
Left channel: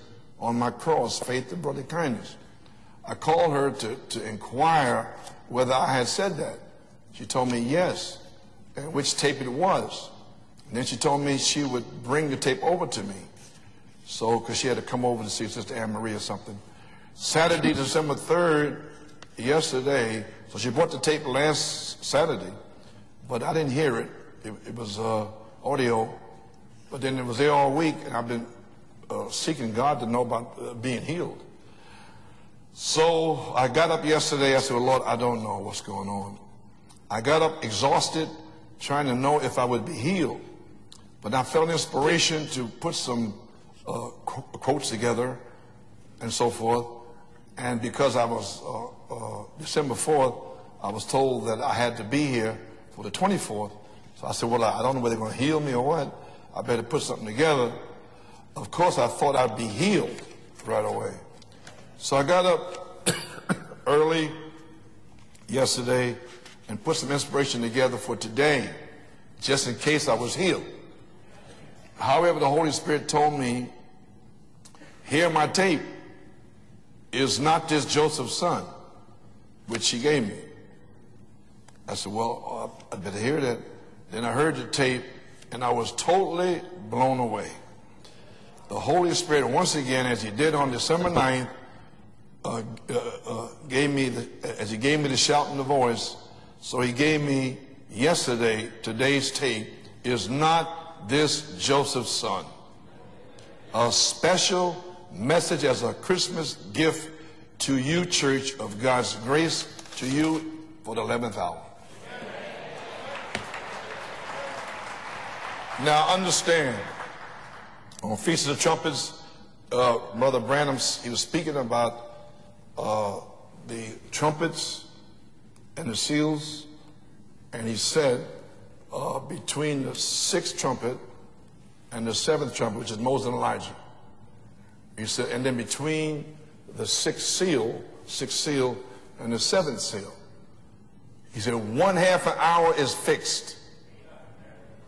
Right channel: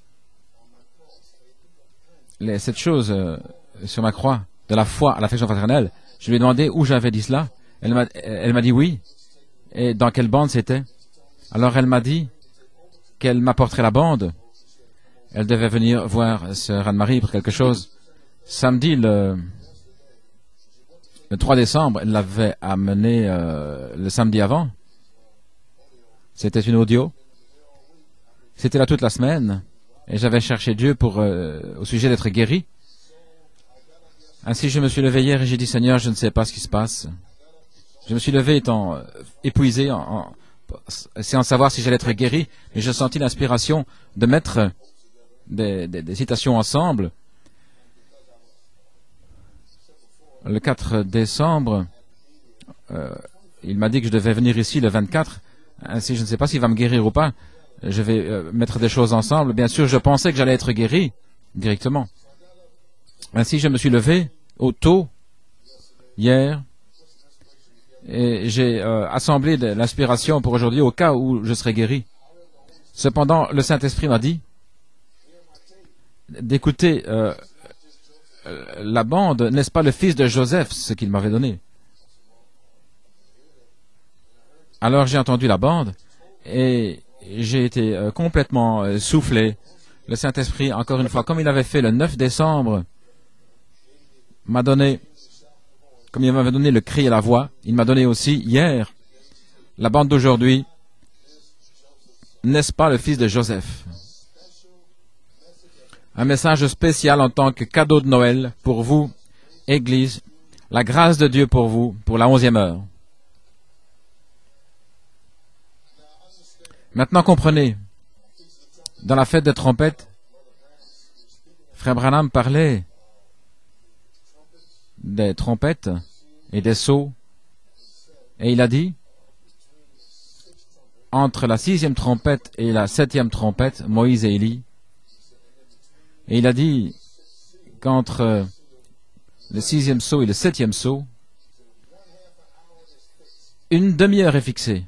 on my cross, faith and brotherly kindness. cette chose called her to- sur ma to croix, de la foi à l'affection inquire fraternelle. whether I had said Je lui ai demandé où j'avais dit cela. told me yes. Elle m'a dit oui. Which tape it was. Et dans quelle bande c'était. And she told me she Alors elle m'a would dit bring the tape over to me. Qu'elle m'apporterait la bande. So, 'cause she had to come over to see Elle devait Sister venir Anne-Marie voir or Sœur Anne-Marie pour quelque something. chose. Saturday, December 3rd, Samedi, le yesterday, so she brought the tape le last 3 décembre, elle Saturday. l'avait amené But I didn't hear it. le samedi avant. It was audio. C'était une audio. Then it was there all week, and I've been C'était là toute la semaine. seeking God to Et know j'avais about cherché Dieu being pour, healed. au sujet d'être guéri. So I got up yesterday. I Ainsi, said, je me suis Lord, levé I hier don't et j'ai know dit, what's Seigneur, going je ne sais on. pas ce qui se passe. I got up exhausted, Je me suis levé étant trying to know if I épuisé, would be healed. sans savoir si j'allais être guéri. Mais j'ai senti l'inspiration de mettre Quotes together. des citations ensemble. And because I was December 4th, Le I 4 was told that décembre, I had to be here the 24th. il m'a dit que je devais I said, venir well, ici I le don't know whether 24. he'll heal me or what. Ainsi, je ne sais pas s'il I va me better guérir put ou pas. something together. Je vais mettre Of des course, choses I thought ensemble. I'd Bien be sûr, je healed pensais que j'allais être right guéri away. directement. So I got up Ainsi, je me suis levé au tôt yesterday hier and put some inspiration together for et today. j'ai assemblé de l'inspiration pour aujourd'hui au cas où je serais guéri. However, the Holy Spirit Cependant, told le me, Saint-Esprit m'a dit hear my tape d'écouter is not this Joseph's son. la bande, n'est-ce pas le Which he fils de gave. Joseph, ce qu'il m'avait donné. I said, well, I'd better hear that. Then I heard the tape. Alors j'ai entendu la and I bande was totally et blown away. j'ai été complètement The Holy soufflé. Spirit, once again, Le as he Saint-Esprit, did on encore une December fois, comme il 9th, avait fait le 9 décembre, gave me m'a as he donné- gave me the shout and the voice. comme il m'avait donné le So he cri et la gave voix, me il m'a donné aussi yesterday hier today's tape la bande is d'aujourd'hui. not this Joseph's son. N'est-ce pas le fils de Joseph? A special message as a Christmas Un message gift spécial en tant que to cadeau you, de Noël church, of pour vous, God's grace, Église, to you, la grâce de Dieu pour vous, pour la 11e heure. Now understand, Maintenant comprenez, on Feast of the Trumpets, dans la fête des trompettes, Brother Branham, he was speaking Frère about Branham parlait the trumpets des trompettes and the seals, et des sceaux, and he said, et il a dit, between the sixth trumpet, entre la 6e trompette et la 7e trompette, Moïse et Élie, he said, and then between et il a dit the sixth seal, qu'entre sixth seal and the le seventh 6e seal, sceau et le 7e sceau, he said, 1/2 an hour is fixed. une demi-heure est fixée.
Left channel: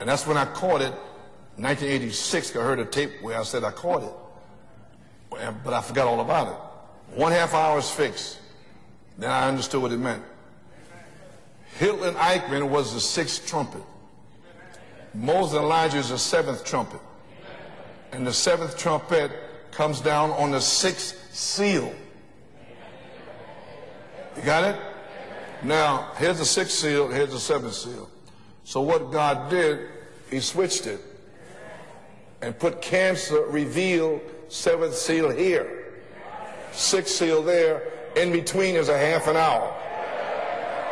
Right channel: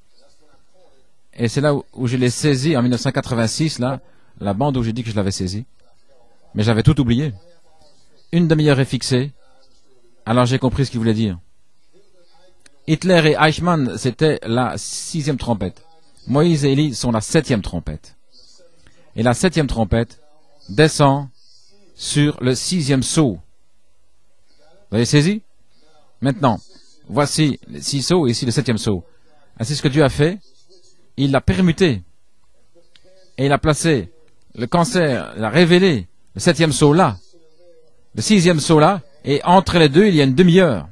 And that's when I caught it, Et c'est là où je l'ai saisi en 1986, là, la bande où j'ai dit que je l'avais saisi. but I forgot all about it. Mais j'avais tout oublié. 1/2 hour is fixed. Une demi-heure est fixée, And I understood what it meant. alors j'ai compris ce qu'il voulait dire. Hitler et Eichmann, c'était la 6e trompette. Moïse et Élie sont la 7e trompette. Et la 7e trompette descend sur le 6e sceau. Vous avez saisi? Maintenant, voici 6 sceaux et ici le 7e sceau. Et c'est ce que Dieu a fait. Il l'a permuté. Et il a placé le cancer, il a révélé le 7e sceau là, le 6e sceau là, et entre les deux, il y a une demi-heure.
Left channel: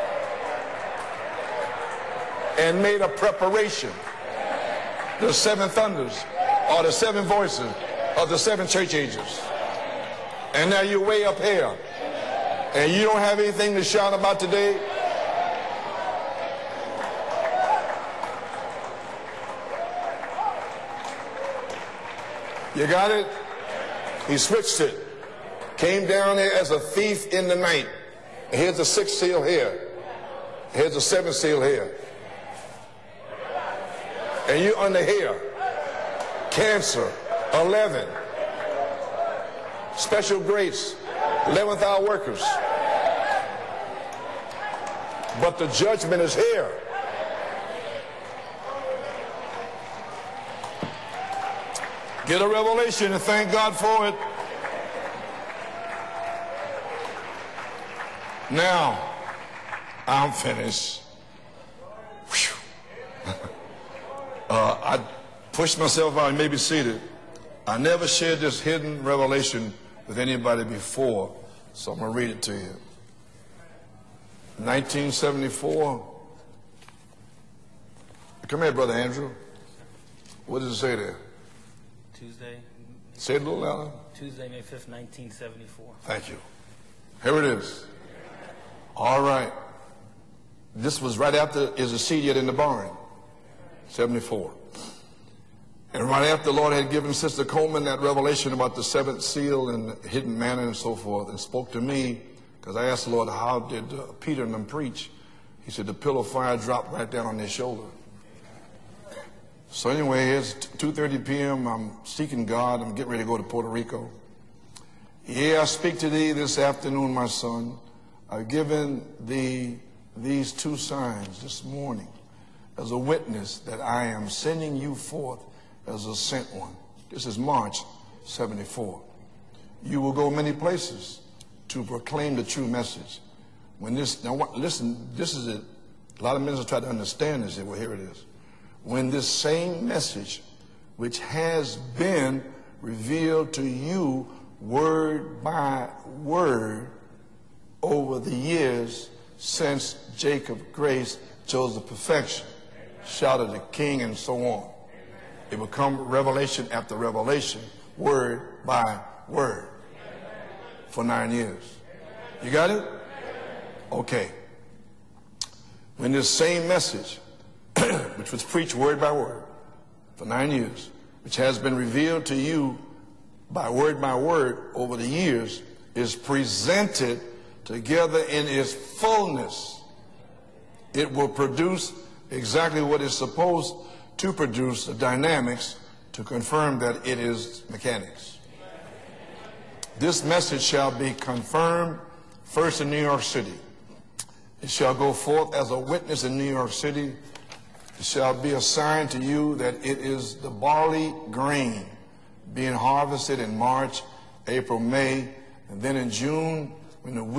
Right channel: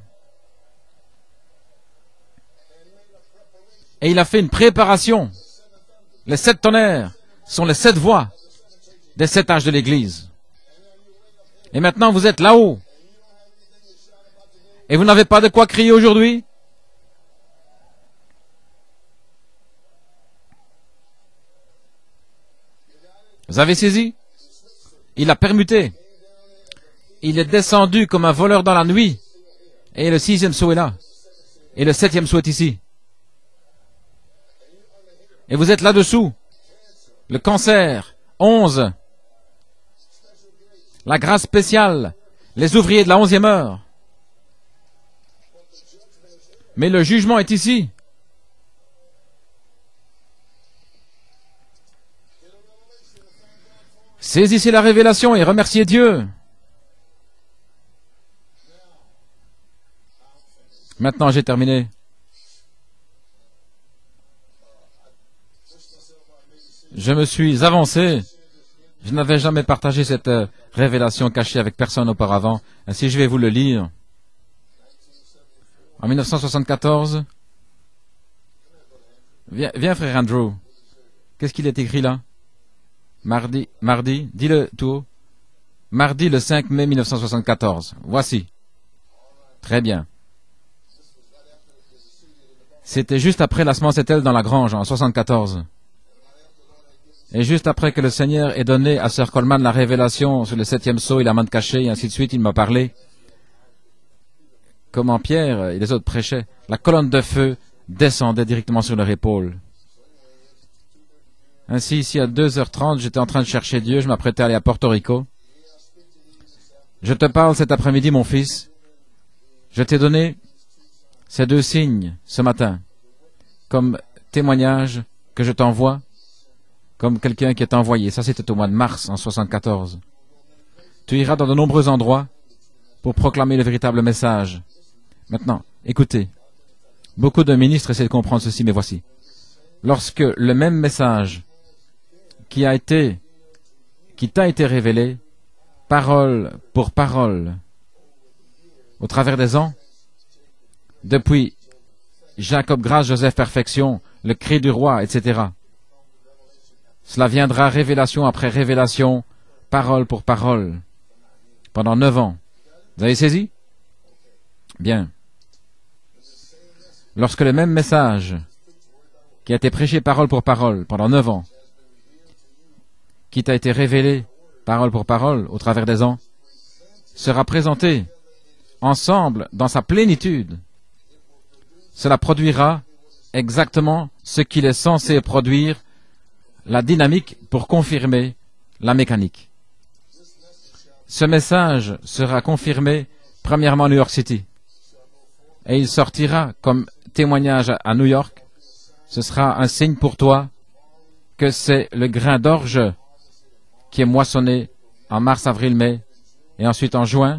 Et il a fait une préparation. Les 7 tonnerres sont les 7 voix des 7 âges de l'Église. Et maintenant, vous êtes là-haut. Et vous n'avez pas de quoi crier aujourd'hui? Vous avez saisi? Il a permuté. Il est descendu comme un voleur dans la nuit. Et le 6e sceau est là. Et le 7e sceau est ici. Et vous êtes là-dessous. Le cancer, 11. La grâce spéciale, les ouvriers de la 11e heure. Mais le jugement est ici. Saisissez la révélation et remerciez Dieu. Maintenant, j'ai terminé. Je me suis avancé. Je n'avais jamais partagé cette révélation cachée avec personne auparavant. Ainsi, je vais vous le lire. En 1974, viens frère Andrew. Qu'est-ce qu'il est écrit là? Mardi, dis-le tout. Mardi le 5 mai 1974. Voici. Très bien. C'était juste après la semence est-elle dans la grange en 74. Et juste après que le Seigneur ait donné à Sir Coleman la révélation sur le 7e sceau et la main cachée, et ainsi de suite, il m'a parlé comment Pierre et les autres prêchaient. La colonne de feu descendait directement sur leur épaule. Ainsi, ici à 2h30, j'étais en train de chercher Dieu, je m'apprêtais à aller à Porto Rico. Je te parle cet après-midi, mon fils. Je t'ai donné ces 2 signes ce matin comme témoignage que je t'envoie comme quelqu'un qui est envoyé. Ça, c'était au mois de mars en 74. Tu iras dans de nombreux endroits pour proclamer le véritable message. Maintenant, écoutez, beaucoup de ministres essaient de comprendre ceci, mais voici. Lorsque le même message qui t'a été révélé, parole pour parole, au travers des ans, depuis Jacob Grâce, Joseph Perfection, le cri du roi, etc. Cela viendra révélation après révélation, parole pour parole, pendant 9 ans. Vous avez saisi? Bien. Lorsque le même message qui a été prêché parole pour parole pendant 9 ans, qui t'a été révélé, parole pour parole, au travers des ans, sera présenté ensemble dans sa plénitude. Cela produira exactement ce qu'il est censé produire, la dynamique pour confirmer la mécanique. Ce message sera confirmé premièrement à New York City. Et il sortira comme témoignage à New York. Ce sera un signe pour toi que c'est le grain d'orge qui est moissonné en mars, avril, mai. Et ensuite en juin,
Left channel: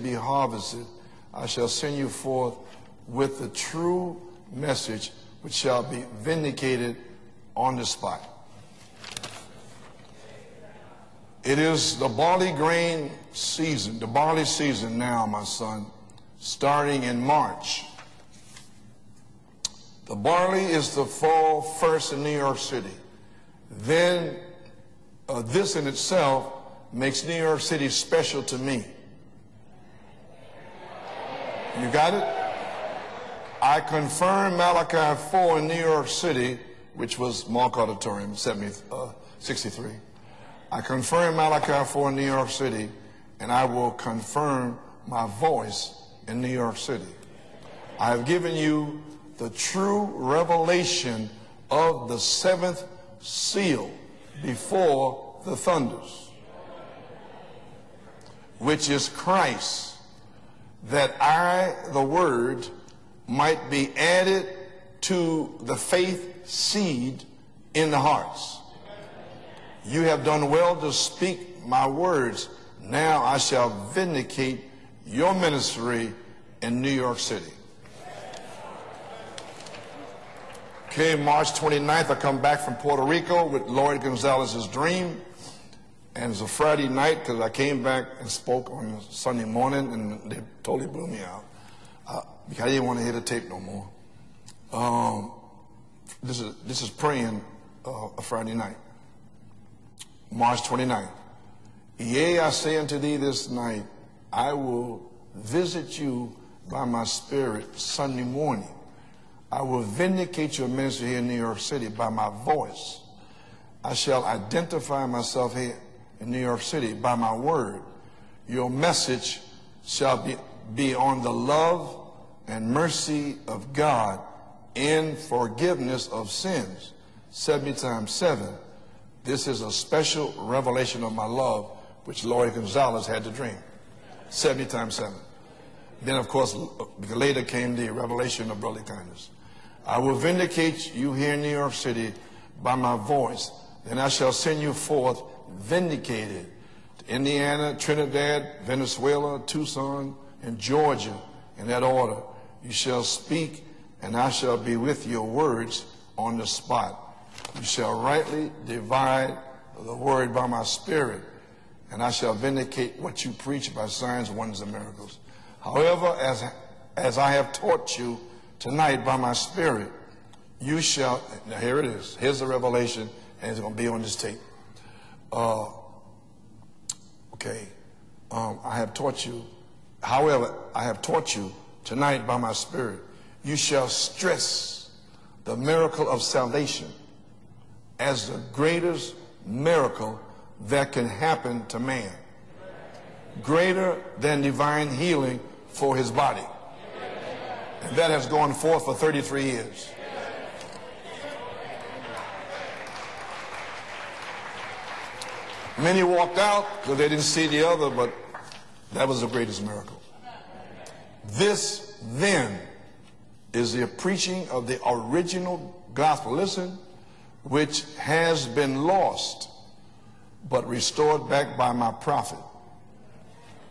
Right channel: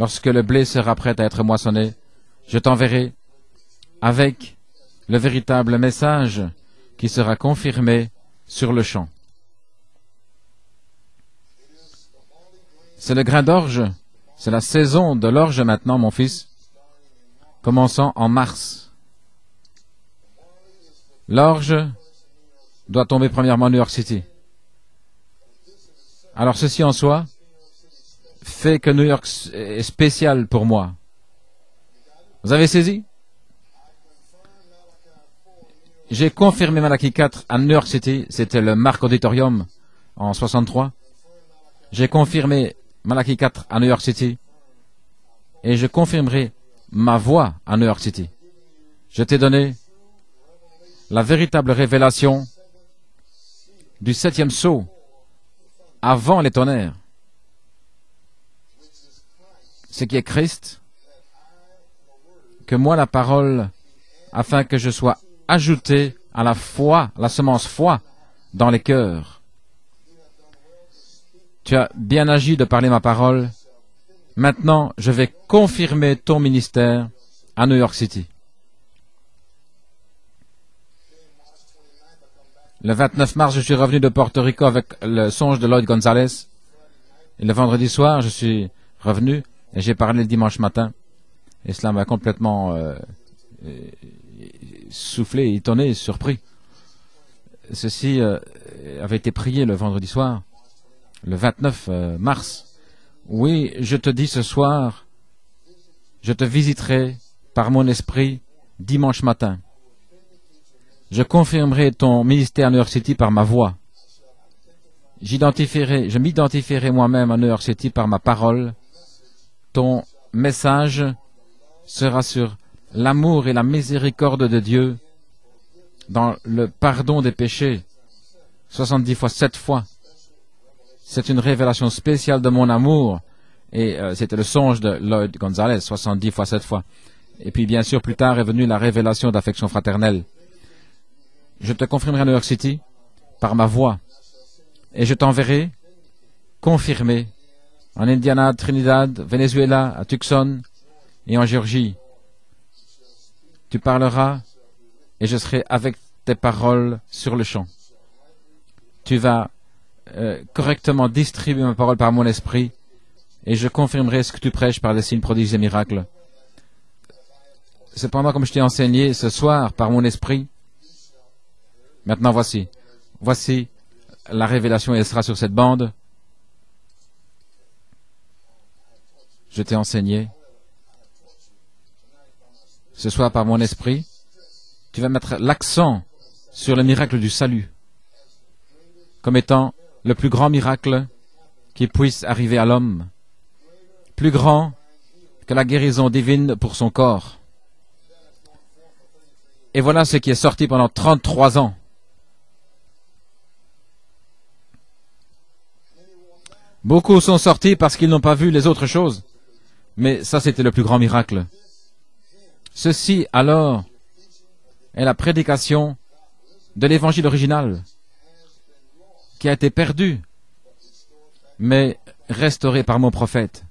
lorsque le blé sera prêt à être moissonné, je t'enverrai avec le véritable message qui sera confirmé sur le champ. C'est le grain d'orge, c'est la saison de l'orge maintenant, mon fils, commençant en mars. L'orge doit tomber premièrement à New York City. Alors ceci en soi fait que New York est spécial pour moi. Vous avez saisi? J'ai confirmé Malachi 4 à New York City, c'était le Mark Auditorium en 63. J'ai confirmé Malachi 4 à New York City et je confirmerai ma voix à New York City. Je t'ai donné la véritable révélation du 7e sceau avant les tonnerres. ce qui est Christ, que moi la parole, afin que je sois ajouté à la foi, la semence foi, dans les cœurs. Tu as bien agi de parler ma parole. Maintenant, je vais confirmer ton ministère à New York City. Le 29 mars, je suis revenu de Porto Rico avec le songe de Lloyd Gonzalez. Le vendredi soir, je suis revenu et j'ai parlé le dimanche matin. Et cela m'a complètement soufflé, étonné, surpris. Ceci avait été prié le vendredi soir, le 29 mars. Oui, je te dis ce soir, je te visiterai par mon esprit dimanche matin. Je confirmerai ton ministère à New York City par ma voix. Je m'identifierai moi-même à New York City par ma parole. Ton message sera sur l'amour et la miséricorde de Dieu dans le pardon des péchés, 70 fois, 7 fois. C'est une révélation spéciale de mon amour. Et c'était le songe de Lloyd Gonzalez, 70 fois, 7 fois. Et puis bien sûr, plus tard est venue la révélation d'affection fraternelle. Je te confirmerai à New York City par ma voix. Et je t'enverrai confirmé en Indiana, Trinidad, Venezuela, à Tucson et en Géorgie. Tu parleras et je serai avec tes paroles sur le champ. Tu vas correctement distribuer ma parole par mon esprit et je confirmerai ce que tu prêches par des signes, prodiges et miracles. Cependant, comme je t'ai enseigné ce soir par mon esprit, maintenant voici la révélation et elle sera sur cette bande. Je t'ai enseigné ce soir par mon esprit. Tu vas mettre l'accent sur le miracle du salut comme étant le plus grand miracle qui puisse arriver à l'homme, plus grand que la guérison divine pour son corps. Et voilà ce qui est sorti pendant 33 ans. Beaucoup sont sortis parce qu'ils n'ont pas vu les autres choses. Mais ça, c'était le plus grand miracle. Ceci, alors, est la prédication de l'évangile original qui a été perdu, mais restauré par mon prophète.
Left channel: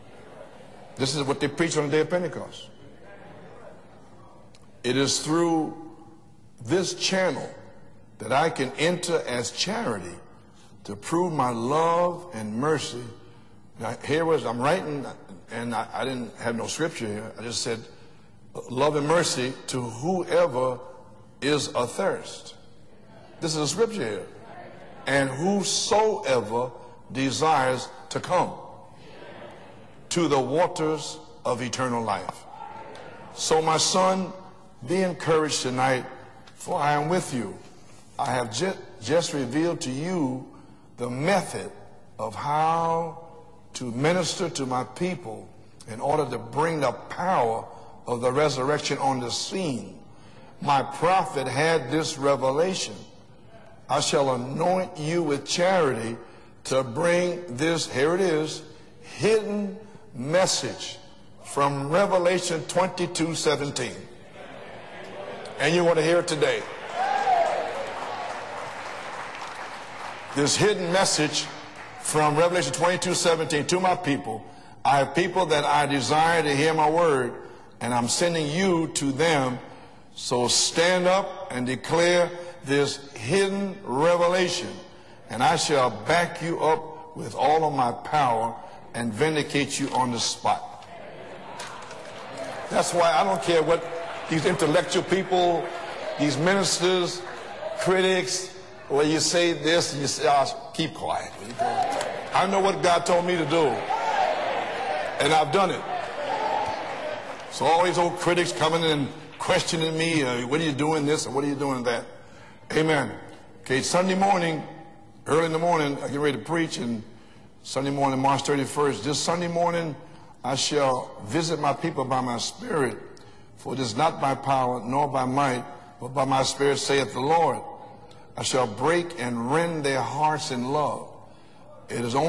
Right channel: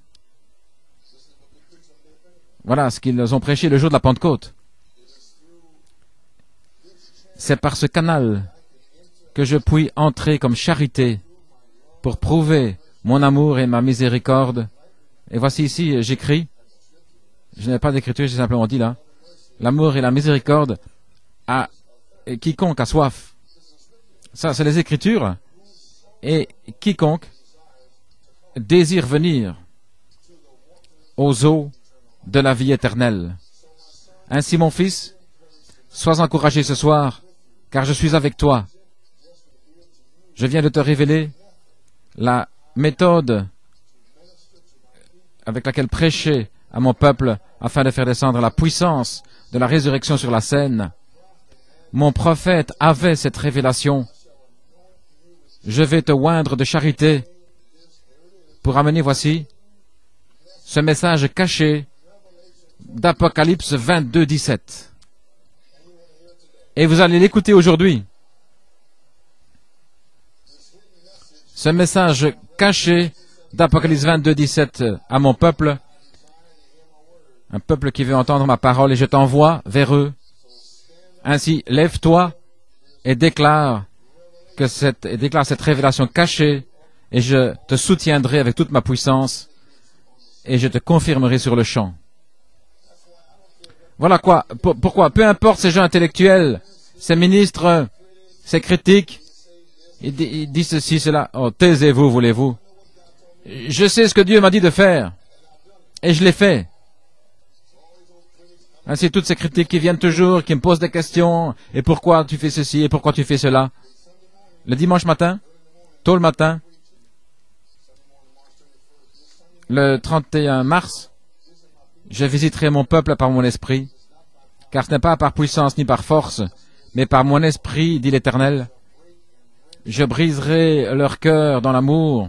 Voilà ce qu'ils ont prêché le jour de la Pentecôte. C'est par ce canal que je puis entrer comme charité pour prouver mon amour et ma miséricorde. Et voici ici, j'écris, je n'ai pas d'écriture, j'ai simplement dit là, l'amour et la miséricorde à quiconque a soif. Ça, c'est les Écritures. Et quiconque désire venir aux eaux de la vie éternelle. Ainsi, mon fils, sois encouragé ce soir, car je suis avec toi. Je viens de te révéler la méthode avec laquelle prêcher à mon peuple afin de faire descendre la puissance de la résurrection sur la scène. Mon prophète avait cette révélation. Je vais te oindre de charité pour amener, voici, ce message caché d'Apocalypse 22, 17. Et vous allez l'écouter aujourd'hui. Ce message caché d'Apocalypse 22, 17 à mon peuple, un peuple qui veut entendre ma parole, et je t'envoie vers eux. Ainsi, lève-toi et déclare cette révélation cachée, et je te soutiendrai avec toute ma puissance, et je te confirmerai sur le champ. Voilà pourquoi, peu importe ces gens intellectuels, ces ministres, ces critiques, ils disent ceci, cela. Oh, taisez-vous, voulez-vous. Je sais ce que Dieu m'a dit de faire, et je l'ai fait. Ainsi, toutes ces critiques qui viennent toujours, qui me posent des questions, et pourquoi tu fais ceci, et pourquoi tu fais cela. Le dimanche matin, tôt le matin, Le 31 mars, je visiterai mon peuple par mon esprit, car ce n'est pas par puissance ni par force, mais par mon esprit, dit l'Éternel. Je briserai leur cœur dans l'amour,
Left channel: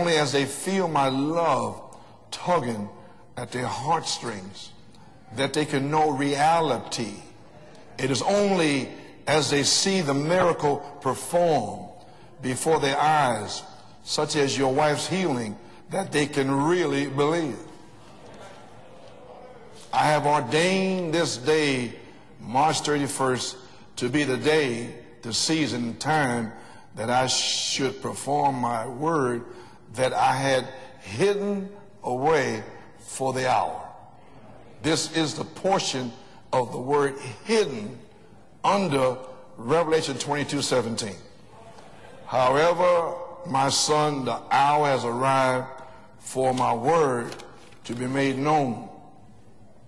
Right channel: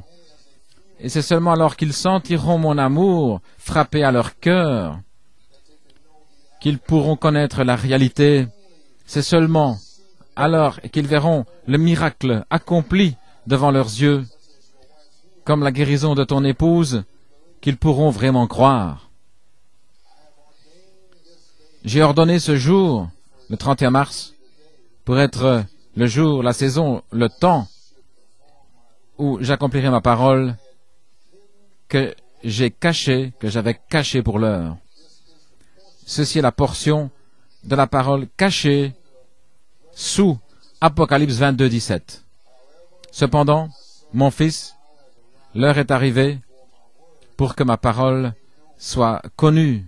et c'est seulement alors qu'ils sentiront mon amour frapper à leur cœur qu'ils pourront connaître la réalité. C'est seulement alors qu'ils verront le miracle accompli devant leurs yeux, comme la guérison de ton épouse, qu'ils pourront vraiment croire. J'ai ordonné ce jour, le 31 mars, pour être le jour, la saison, le temps où j'accomplirai ma parole que j'ai cachée, que j'avais cachée pour l'heure. Ceci est la portion de la parole cachée sous Apocalypse 22, 17. Cependant, mon fils, l'heure est arrivée pour que ma parole soit connue.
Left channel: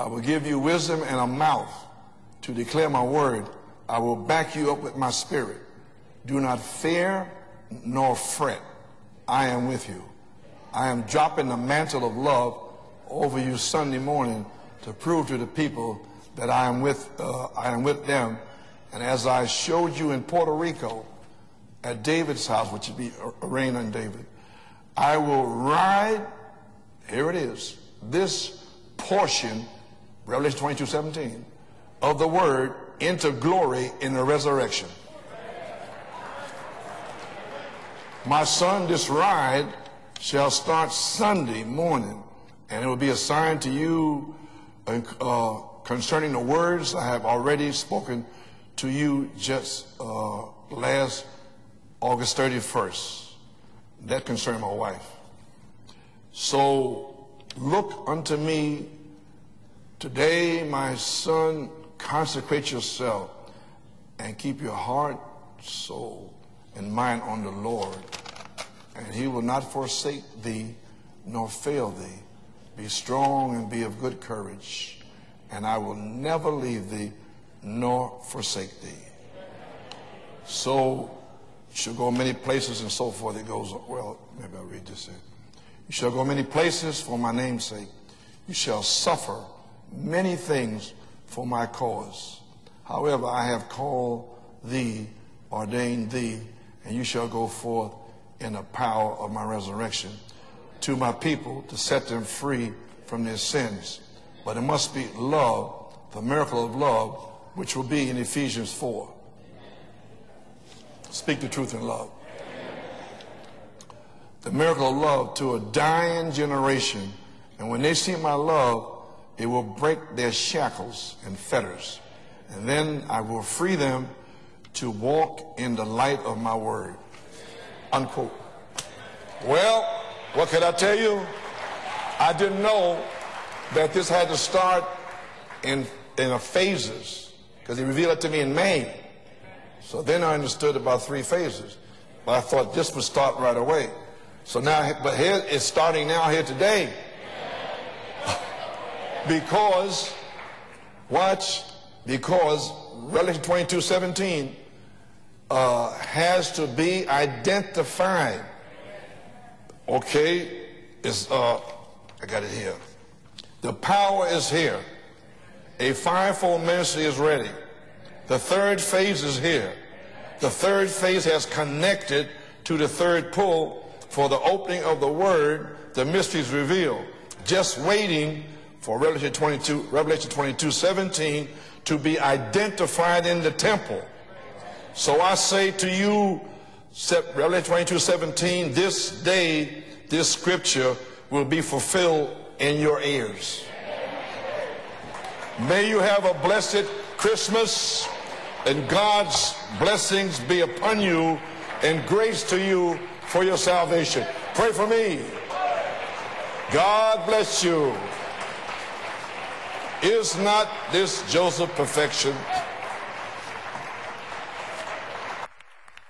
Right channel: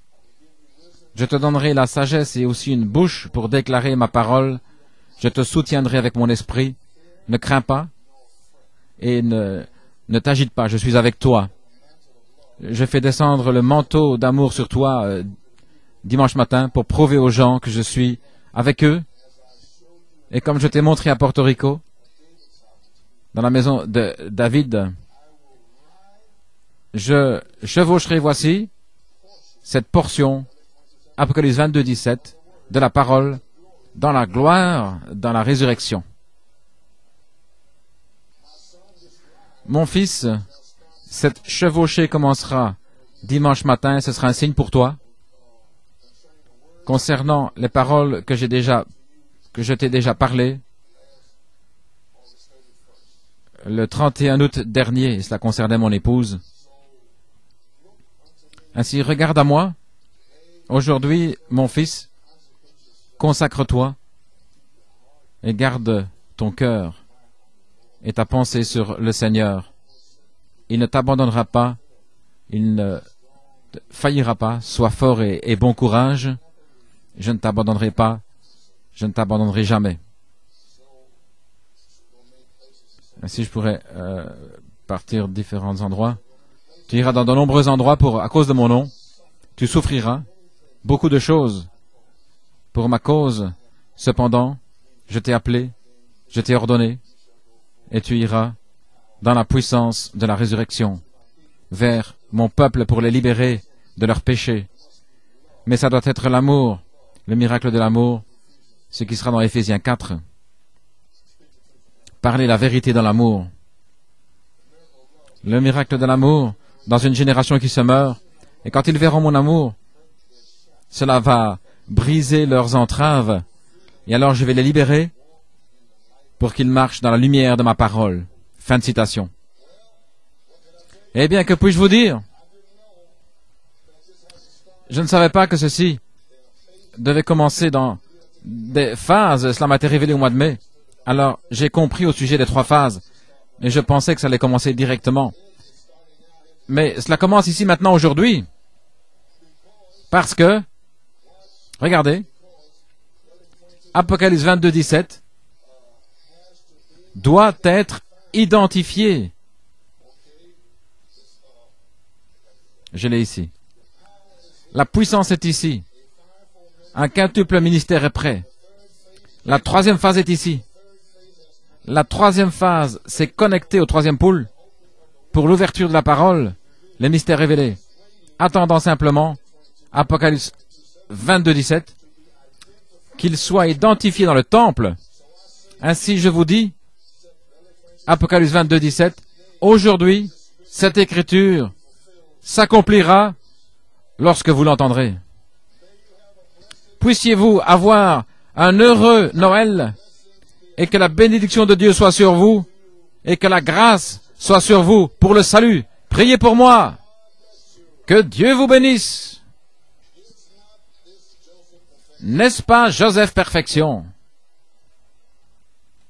Je te donnerai la sagesse et aussi une bouche pour déclarer ma parole. Je te soutiendrai avec mon esprit. Ne crains pas et ne t'agite pas, je suis avec toi. Je fais descendre le manteau d'amour sur toi dimanche matin pour prouver aux gens que je suis avec eux. Et comme je t'ai montré à Porto Rico, dans la maison de David, je chevaucherai, voici, cette portion, Apocalypse 22, 17, de la parole dans la gloire, dans la résurrection. Mon fils, cette chevauchée commencera dimanche matin, ce sera un signe pour toi. Concernant les paroles que je t'ai déjà parlé, le 31 août dernier, cela concernait mon épouse. Ainsi, regarde à moi. Aujourd'hui, mon fils, consacre-toi et garde ton cœur et ta pensée sur le Seigneur. Il ne t'abandonnera pas, il ne faillira pas. Sois fort et bon courage. Je ne t'abandonnerai pas, je ne t'abandonnerai jamais. Si je pourrais partir différents endroits, tu iras dans de nombreux endroits à cause de mon nom. Tu souffriras beaucoup de choses pour ma cause. Cependant, je t'ai appelé, je t'ai ordonné, et tu iras dans la puissance de la résurrection vers mon peuple pour les libérer de leurs péchés. Mais ça doit être l'amour, le miracle de l'amour, ce qui sera dans Éphésiens 4. Parler la vérité dans l'amour. Le miracle de l'amour dans une génération qui se meurt. Et quand ils verront mon amour, cela va briser leurs entraves. Et alors je vais les libérer pour qu'ils marchent dans la lumière de ma parole. Fin de citation. Eh bien, que puis-je vous dire? Je ne savais pas que ceci devait commencer dans des phases. Cela m'a été révélé au mois de mai. Alors, j'ai compris au sujet des 3 phases. Et je pensais que ça allait commencer directement. Mais cela commence ici maintenant aujourd'hui. Parce que, regardez, Apocalypse 22, 17 doit être identifié. Je l'ai ici. La puissance est ici. Un quintuple ministère est prêt. La 3e phase est ici. La 3e phase s'est connectée au 3e pôle pour l'ouverture de la parole, les mystères révélés. Attendant simplement, Apocalypse 22, 17, qu'il soit identifié dans le temple. Ainsi, je vous dis, Apocalypse 22, 17, aujourd'hui, cette écriture s'accomplira lorsque vous l'entendrez. Puissiez-vous avoir un heureux Noël et que la bénédiction de Dieu soit sur vous et que la grâce soit sur vous pour le salut. Priez pour moi. Que Dieu vous bénisse. N'est-ce pas Joseph Perfection?